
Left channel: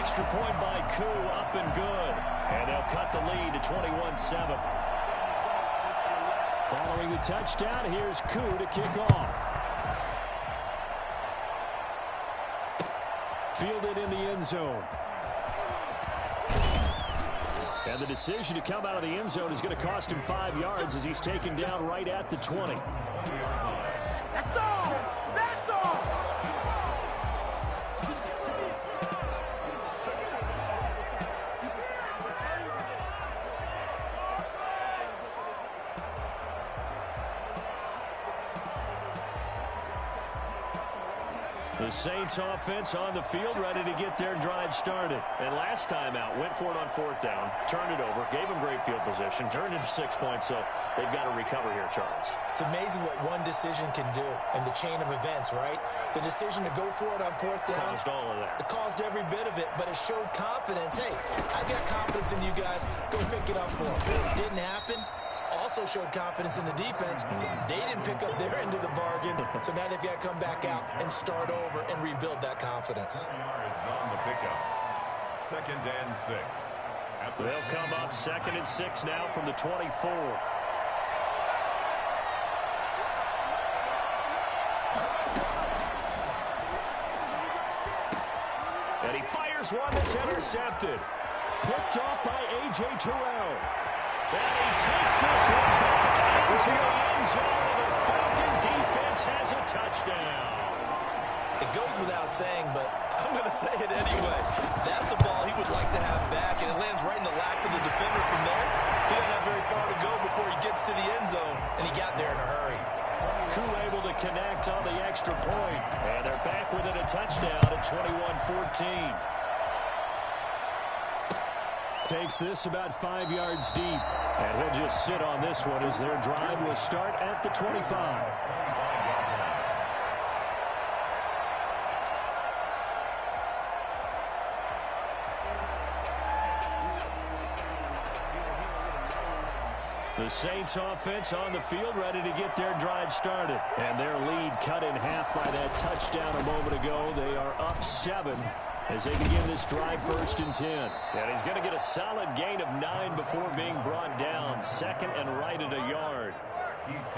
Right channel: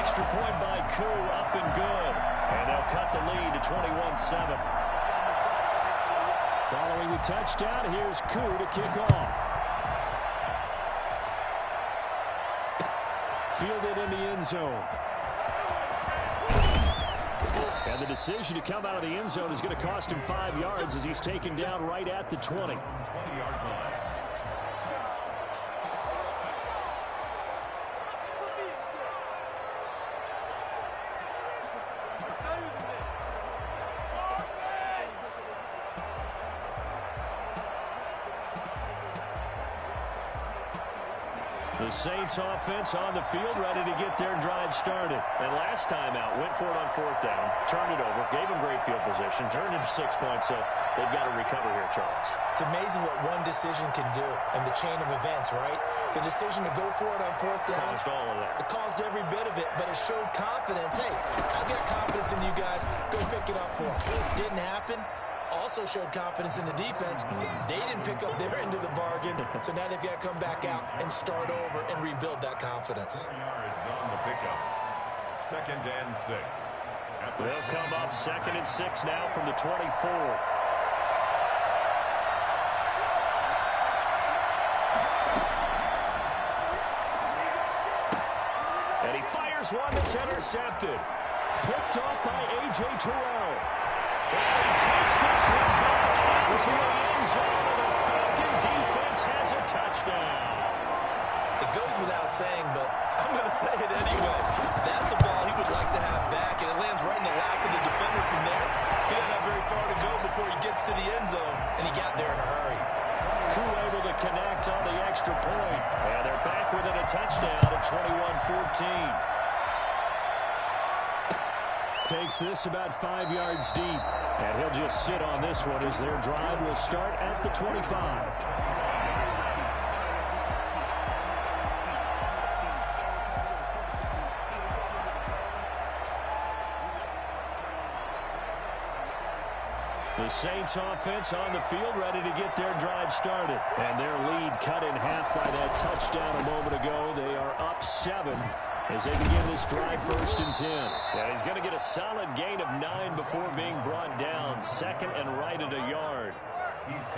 Extra point by Koo, up and good. And they'll cut the lead to 21-7. Following the touchdown, here's Koo to kick off. Fielded in the end zone. And the decision to come out of the end zone is going to cost him 5 yards as he's taken down right at the 20. 20-yard line. The Saints offense on the field, ready to get their drive started. And last time out, went for it on 4th down, turned it over, gave them great field position, turned it to 6 points, so they've got to recover here, Charles. It's amazing what one decision can do in the chain of events, right? The decision to go for it on 4th down. Caused all of that. It caused every bit of it, but it showed confidence. Hey, I've got confidence in you guys. Go pick it up for them. Didn't happen. Also showed confidence in the defense. They didn't pick up their end of the bargain, so now they've got to come back out and start over and rebuild that confidence. 4 yards on the pickup. 2nd and 6. They'll come up 2nd and 6 now from the 24. And he fires one that's intercepted. Picked off by A.J. Terrell. And he takes this one back into the end zone, and the Falcon defense has a touchdown. It goes without saying, but I'm going to say it anyway. That's a ball he would like to have back, and it lands right in the lap of the defender from there. He doesn't have very far to go before he gets to the end zone, and he got there in a hurry. Crew able to connect on the extra point. And they're back within a touchdown at 21-14. Takes this about 5 yards deep. And he'll just sit on this one as their drive will start at the 25. The Saints offense on the field ready to get their drive started. And their lead cut in half by that touchdown a moment ago. They are up 7 as they begin this drive 1st and 10. And he's going to get a solid gain of 9 before being brought down. 2nd and right at a yard.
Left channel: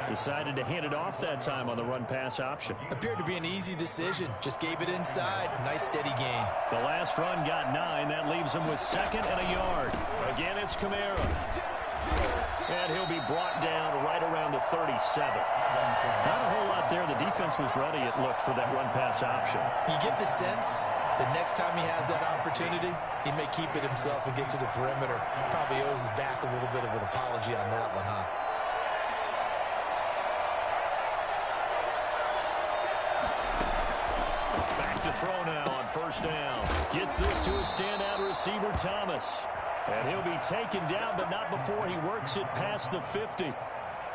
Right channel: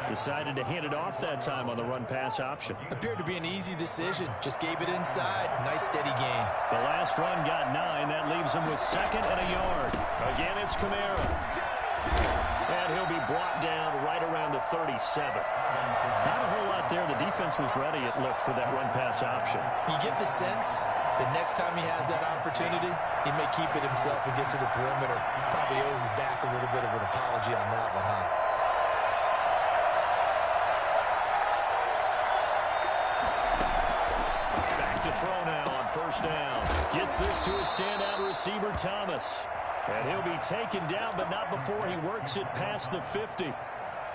Decided to hand it off that time on the run-pass option. Appeared to be an easy decision. Just gave it inside. Nice steady gain. The last run got 9. That leaves him with 2nd and a yard. Again, it's Kamara. And he'll be brought down right around the 37. Not a whole lot there. The defense was ready, it looked, for that run-pass option. You get the sense that next time he has that opportunity, he may keep it himself and get to the perimeter. Probably owes his back a little bit of an apology on that one, huh? Back to throw now on 1st down. Gets this to a standout receiver, Thomas. And he'll be taken down, but not before he works it past the 50.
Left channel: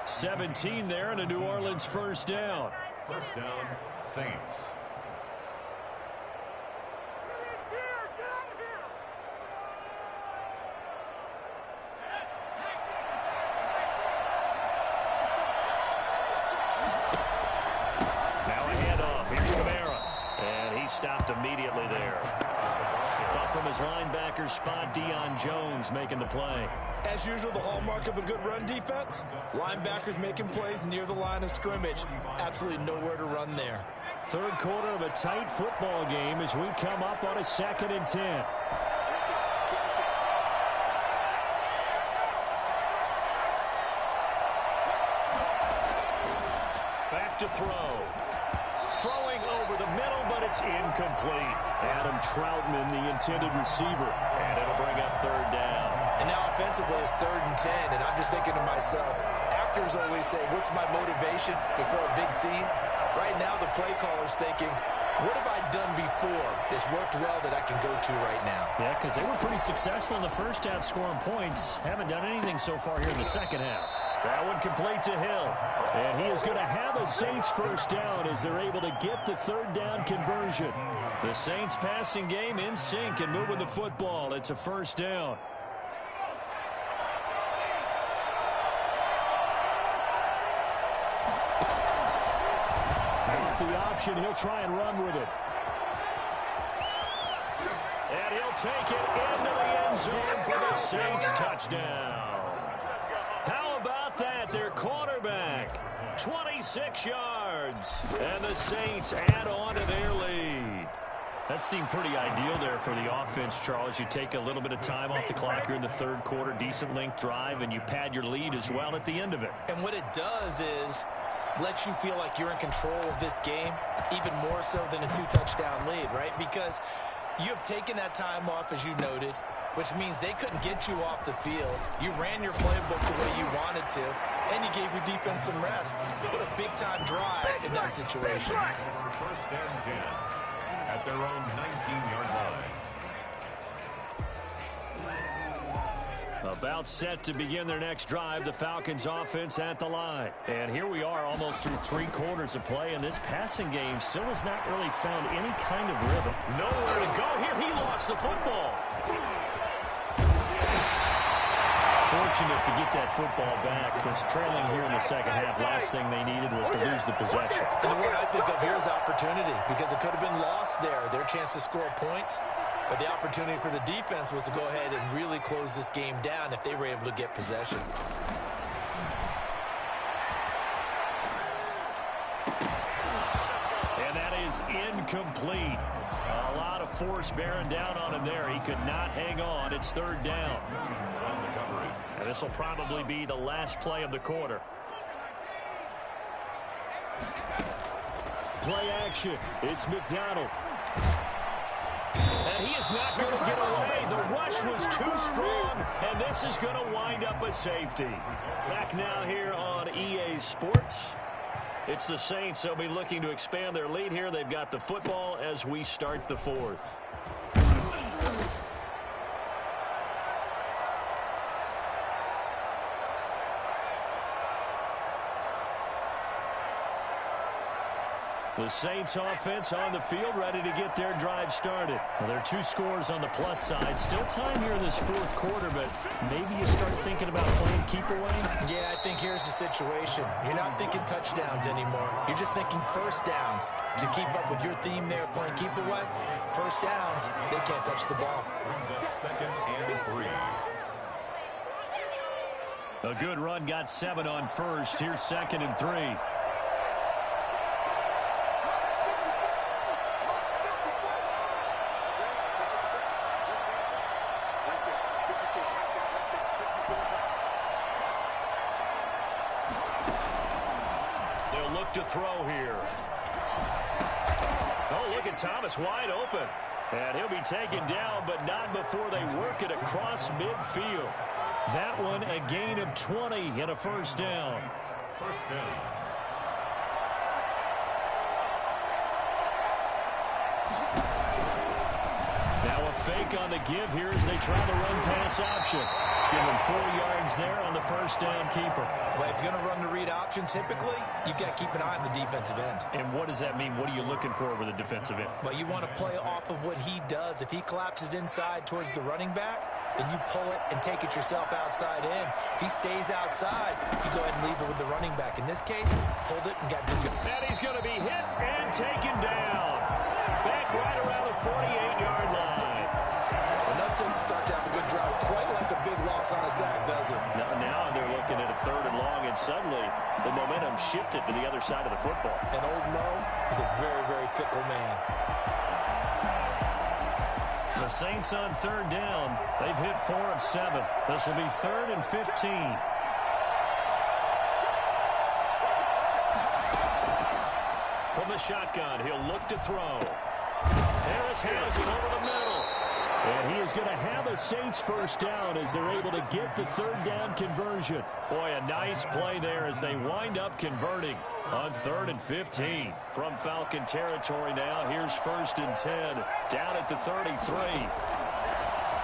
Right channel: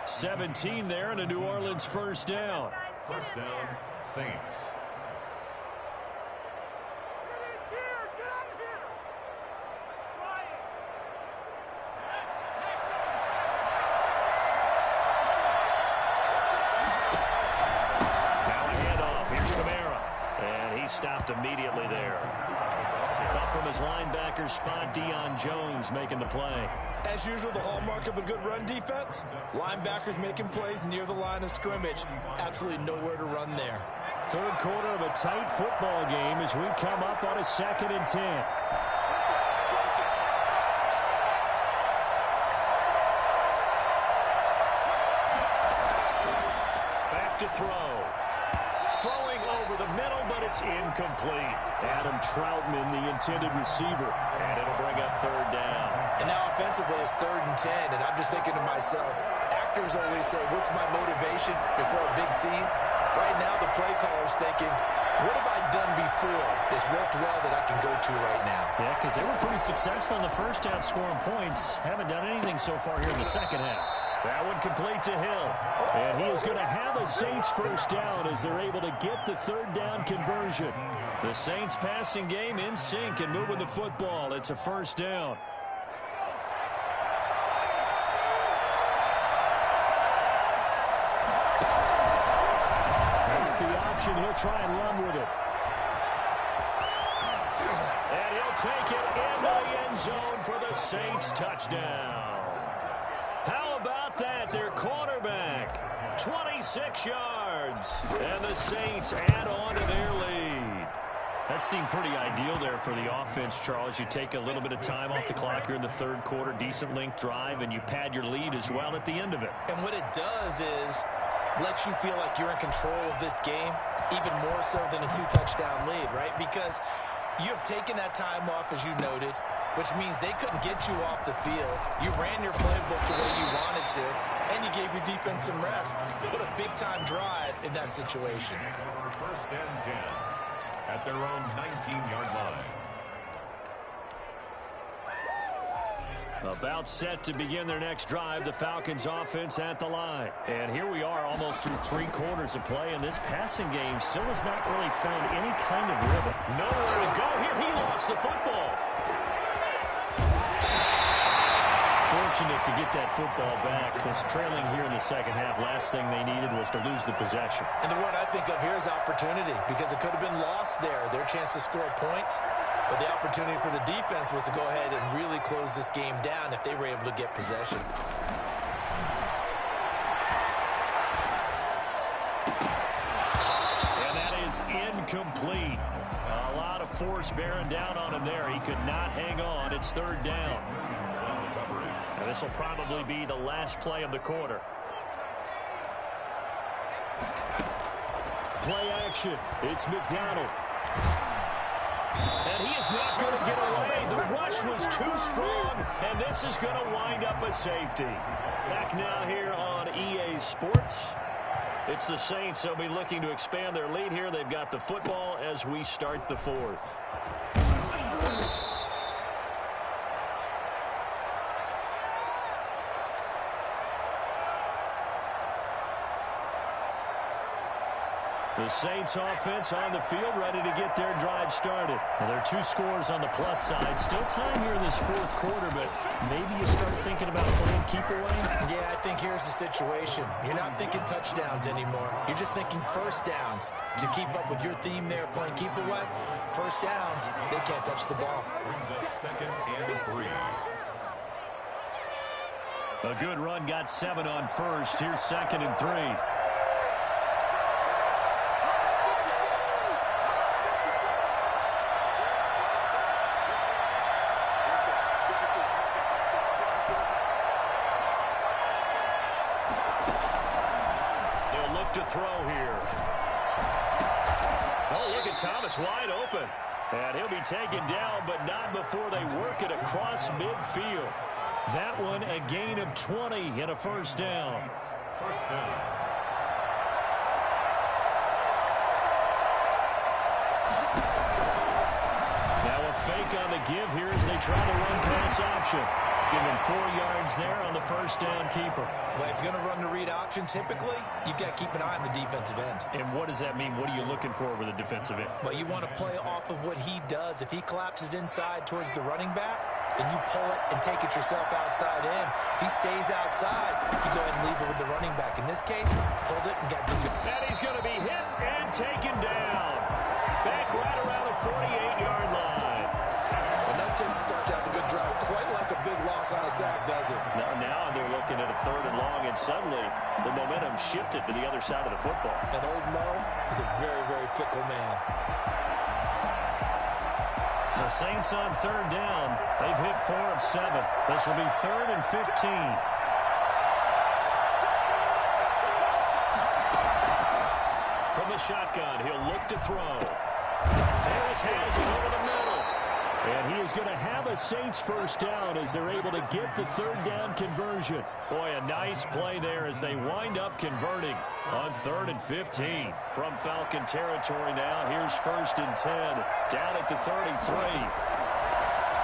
17 there and a New Orleans 1st down. 1st down, Saints. Now a handoff. Here's Kamara. And he stopped immediately there. Up from his linebacker spot, Deion Jones making the play. As usual, the hallmark of a good run defense, linebackers making plays near the line of scrimmage. Absolutely nowhere to run there. 3rd quarter of a tight football game as we come up on a 2nd and 10. Back to throw. Throwing over the middle, but it's incomplete. Adam Troutman, the intended receiver. And it'll bring up 3rd down. And now offensively, it's 3rd and 10. And I'm just thinking to myself, actors always say, what's my motivation before a big scene? Right now, the play caller's thinking, what have I done before that's worked well that I can go to right now? Yeah, because they were pretty successful in the 1st half scoring points. Haven't done anything so far here in the 2nd half. That one complete to Hill. And he is going to have a Saints 1st down as they're able to get the 3rd down conversion. The Saints passing game in sync and moving the football. It's a 1st down. Off the option, he'll try and run with it. And he'll take it into the end zone for the Saints touchdown. How about that? Their quarterback, 26 yards. And the Saints add on to their lead. That seemed pretty ideal there for the offense, Charles. You take a little bit of time off the clock here in the 3rd quarter, decent length drive, and you pad your lead as well at the end of it. And what it does is let you feel like you're in control of this game, even more so than a 2-touchdown lead, right? Because you have taken that time off, as you noted, which means they couldn't get you off the field. You ran your playbook the way you wanted to, and you gave your defense some rest. What a big-time drive in that situation. 1st and 10 at their own 19-yard line. About set to begin their next drive, the Falcons offense at the line. And here we are almost through 3 quarters of play, and this passing game still has not really found any kind of rhythm. Nowhere to go here. He lost the football. Fortunate to get that football back, because trailing here in the 2nd half, last thing they needed was to lose the possession. And the word I think of here is opportunity, because it could have been lost there, their chance to score points. But the opportunity for the defense was to go ahead and really close this game down if they were able to get possession. And that is incomplete. A lot of force bearing down on him there. He could not hang on. It's 3rd down. And this will probably be the last play of the quarter. Play action. It's McDonald. And he is not going to get away. The rush was too strong, and this is going to wind up a safety. Back now here on EA Sports. It's the Saints. They'll be looking to expand their lead here. They've got the football as we start the fourth. The Saints offense on the field, ready to get their drive started. Well, there are 2 scores on the plus side. Still time here in this fourth quarter, but maybe you start thinking about playing keep away? Yeah, I think here's the situation. You're not thinking touchdowns anymore. You're just thinking first downs. To keep up with your theme there, playing keep away, first downs, they can't touch the ball. Brings up 2nd and 3. A good run, got 7 on first. Here's 2nd and 3. To throw here. Oh, look at Thomas wide open. And he'll be taken down, but not before they work it across midfield. That one a gain of 20 and a first down. First down. Now a fake on the give here as they try the run pass option. Give him 4 yards there on the first down keeper. Well, if you're going to run the read option, typically, you've got to keep an eye on the defensive end. And what does that mean? What are you looking for with a defensive end? Well, you want to play off of what he does. If he collapses inside towards the running back, then you pull it and take it yourself outside in. If he stays outside, you go ahead and leave it with the running back. In this case, pulled it and got good. And he's going to be hit and taken down. Back right around the 48-yard line. Enough to start to have a good drive. Quite like a big loss on a sack, does it? Now they're looking at a 3rd and long, and suddenly the momentum shifted to the other side of the football. And old Mo is a very, very fickle man. The Saints on 3rd down. They've hit 4 of 7. This will be 3rd and 15. From the shotgun, he'll look to throw. Harris has it over the middle. And he is going to have a Saints first down as they're able to get the 3rd down conversion. Boy, a nice play there as they wind up converting on 3rd and 15. From Falcon territory now, here's 1st and 10. Down at the 33.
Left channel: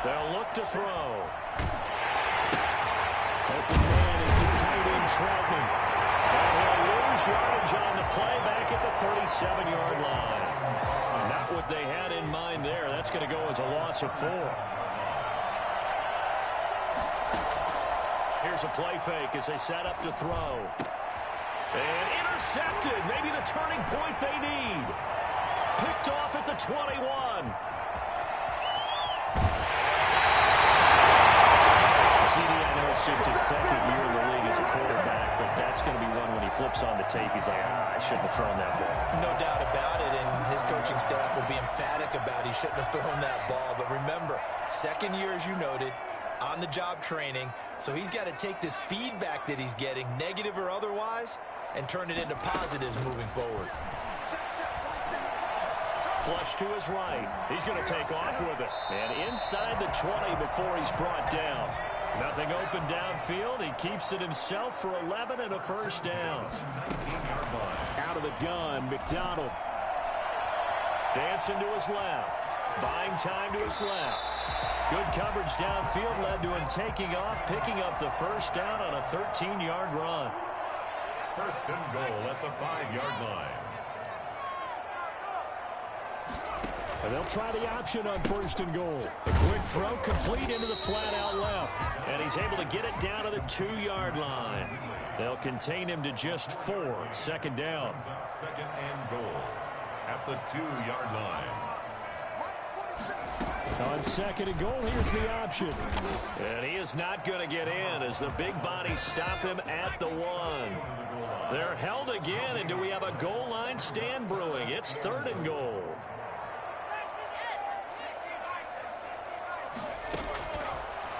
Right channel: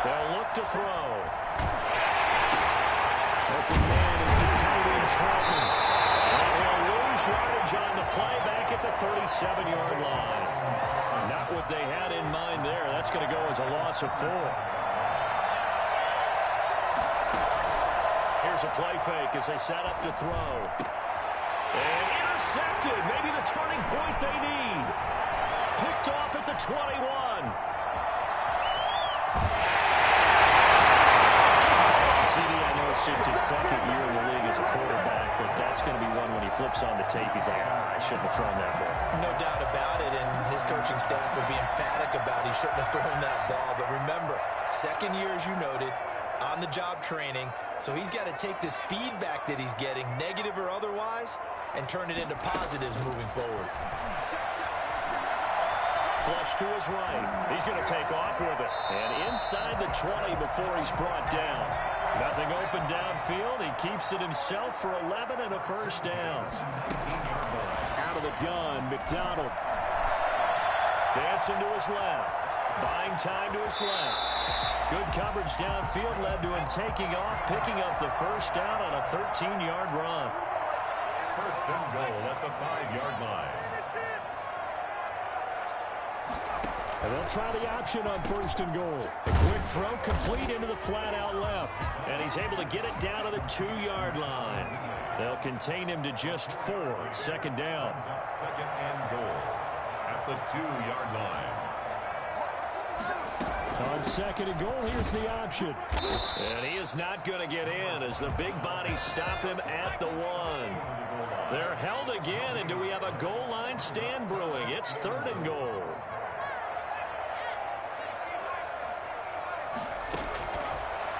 They'll look to throw. Open man is the tight end Troutman. And he'll lose yardage on the play back at the 37-yard line. Not what they had in mind there. That's going to go as a loss of 4. Here's a play fake as they set up to throw. And intercepted. Maybe the turning point they need. Picked off at the 21. CD, I know it's just his 2nd year in the league as a quarterback, but that's going to be one when he flips on the tape. He's like, I shouldn't have thrown that ball. No doubt about it, and his coaching staff will be emphatic about he shouldn't have thrown that ball. But remember, 2nd year, as you noted, on-the-job training, so he's got to take this feedback that he's getting, negative or otherwise, and turn it into positives moving forward. Flush to his right. He's going to take off with it. And inside the 20 before he's brought down. Nothing open downfield. He keeps it himself for 11 and a first down. Out of the gun, McDonald. Dancing to his left. Buying time to his left. Good coverage downfield led to him taking off, picking up the first down on a 13-yard run. 1st and goal at the 5-yard line. And they'll try the option on 1st and goal. A quick throw complete into the flat out left. And he's able to get it down to the 2-yard line. They'll contain him to just 4. 2nd down. 2nd and goal at the 2-yard line. On 2nd and goal, here's the option. And he is not going to get in as the big bodies stop him at the 1. They're held again, and do we have a goal line stand brewing? It's 3rd and goal.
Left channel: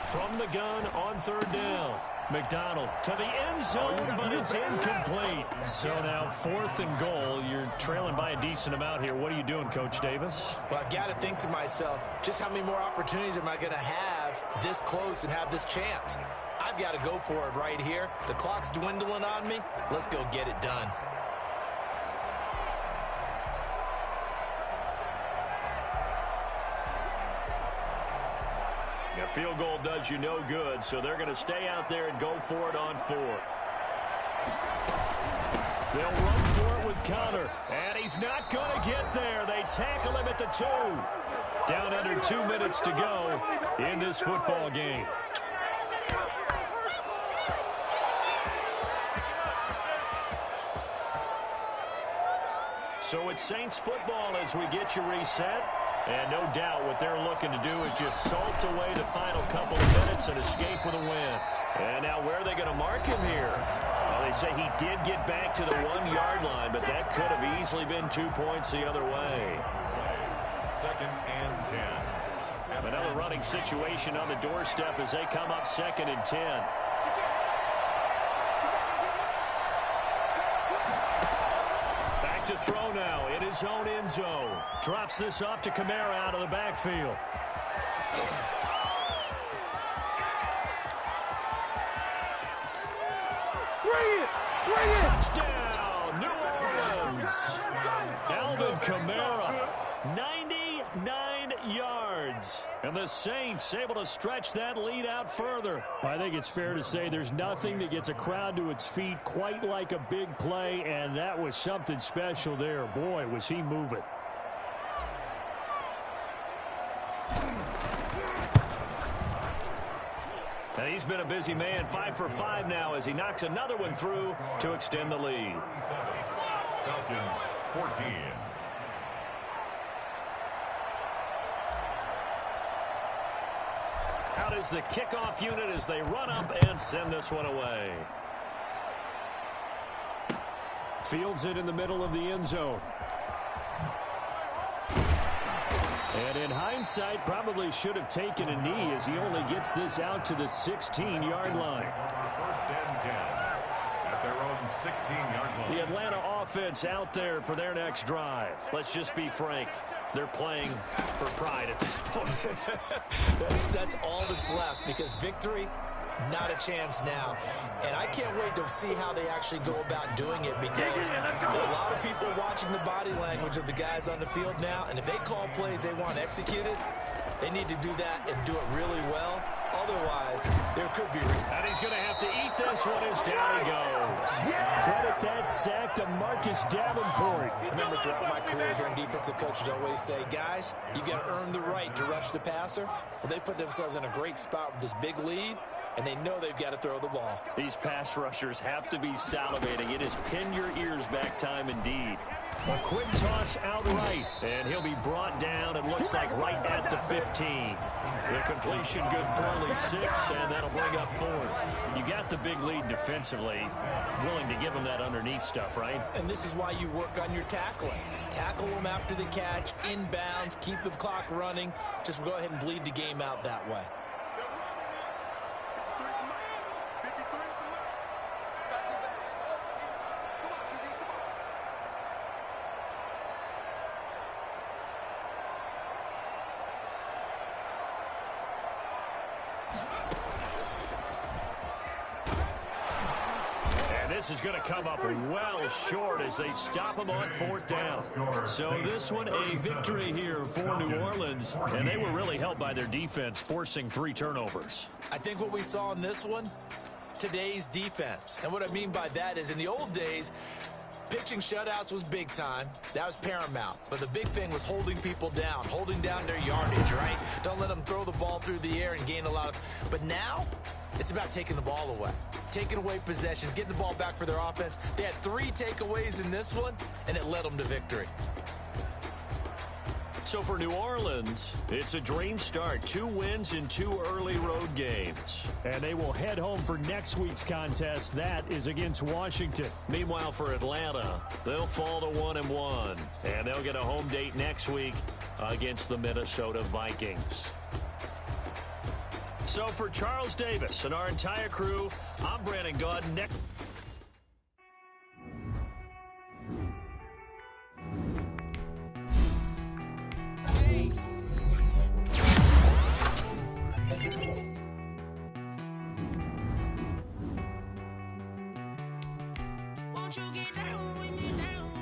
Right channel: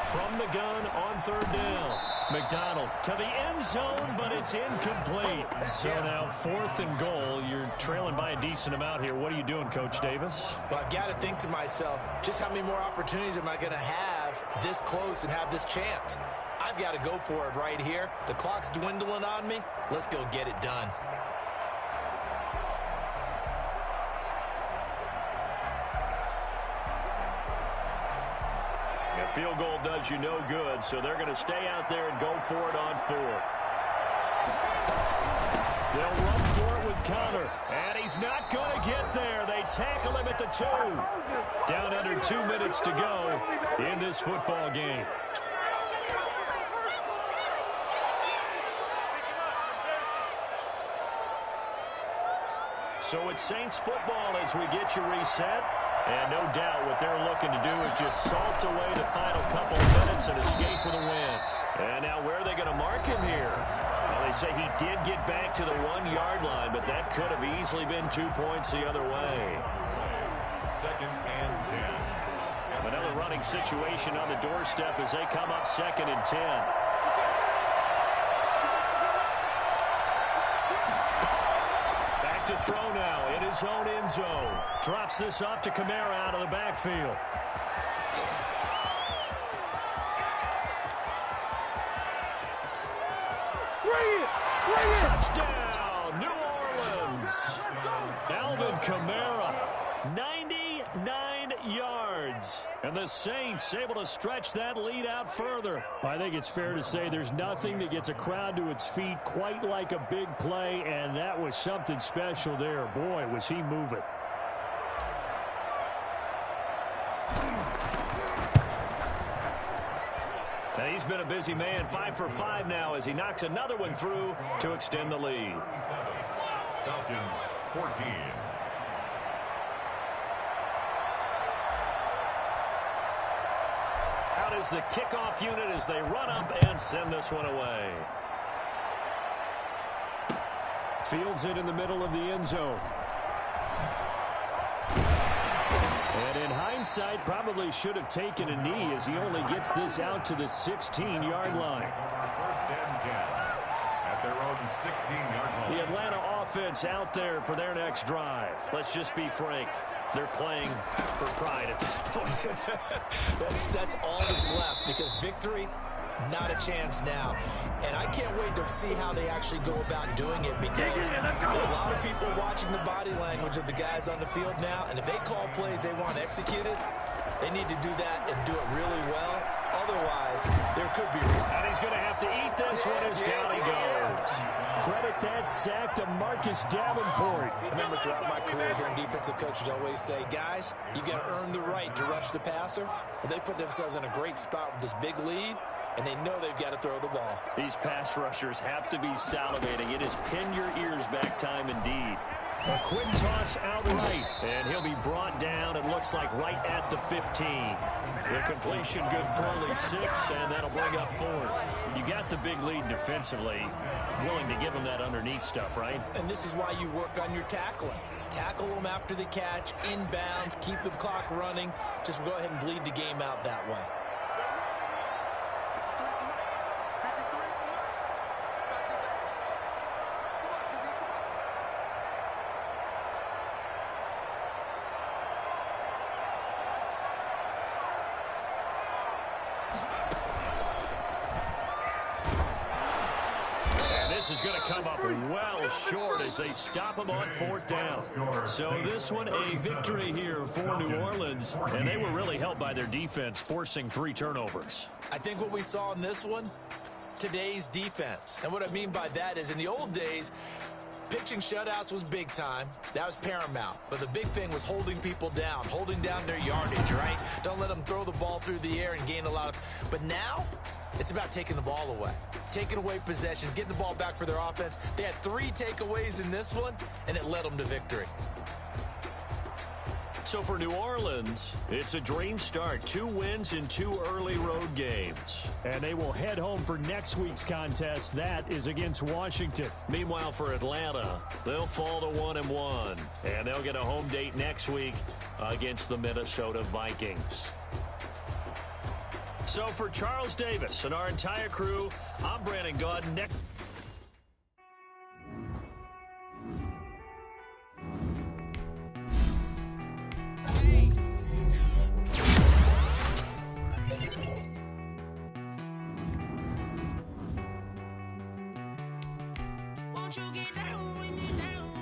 From the gun on 3rd down. McDonald to the end zone, but it's incomplete. So now 4th and goal. You're trailing by a decent amount here. What are you doing, Coach Davis? Well, I've got to think to myself, just how many more opportunities am I going to have this close and have this chance? I've got to go for it right here. The clock's dwindling on me. Let's go get it done. A field goal does you no good, so they're going to stay out there and go for it on 4th. They'll run for it with Connor, and he's not going to get there. They tackle him at the 2. Down under 2 minutes to go in this football game. So it's Saints football as we get you reset. And no doubt what they're looking to do is just salt away the final couple of minutes and escape with a win. And now where are they going to mark him here? Well, they say he did get back to the 1-yard line, but that could have easily been 2 points the other way. 2nd and 10. Another running situation on the doorstep as they come up 2nd and 10. To throw now in his own end zone. Drops this off to Kamara out of the backfield. Bring it! Touchdown, New Orleans. Alvin Kamara, 99 yards. And the Saints able to stretch that lead out further. I think it's fair to say there's nothing that gets a crowd to its feet quite like a big play, and that was something special there. Boy, was he moving. And he's been a busy man, 5 for 5 now as he knocks another one through to extend the lead. Falcons 14. Out is the kickoff unit as they run up and send this one away. Fields it in the middle of the end zone. And in hindsight, probably should have taken a knee as he only gets this out to the 16-yard line. 1st and 10 at their own 16-yard line. The Atlanta offense out there for their next drive. Let's just be frank. They're playing for pride at this point. that's all that's left because victory, not a chance now. And I can't wait to see how they actually go about doing it because there are a lot of people watching the body language of the guys on the field now. And if they call plays they want executed, they need to do that and do it really well. Otherwise, there could be... And he's going to have to eat this one as down he goes. Credit that sack to Marcus Davenport. I remember throughout my career hearing defensive coaches always say, guys, you got to earn the right to rush the passer. Well, they put themselves in a great spot with this big lead, and they know they've got to throw the ball. These pass rushers have to be salivating. It is pin your ears back time indeed. A quick toss outright, and he'll be brought down, it looks like, right at the 15. The completion good for only 6, and that'll bring up 4th. You got the big lead defensively, willing to give them that underneath stuff, right? And this is why you work on your tackling. Tackle them after the catch, inbounds, keep the clock running. Just go ahead and bleed the game out that way. This is going to come up well short as they him on 4th down. So this one a victory here for New Orleans, and they were really helped by their defense, forcing 3 turnovers. I think what we saw in this one, today's defense. And what I mean by that is in the old days, pitching shutouts was big time. That was paramount. But the big thing was holding people down, holding down their yardage, right? Don't let them throw the ball through the air and gain a lot of... But now, it's about taking the ball away. Taking away possessions, getting the ball back for their offense. They had 3 takeaways in this one, and it led them to victory. So for New Orleans, it's a dream start. 2 wins in 2 early road games. And they will head home for next week's contest. That is against Washington. Meanwhile, for Atlanta, they'll fall to 1-1. And they'll get a home date next week against the Minnesota Vikings. So for Charles Davis and our entire crew, I'm Brandon Gaudin. Next. Won't you get down with me now?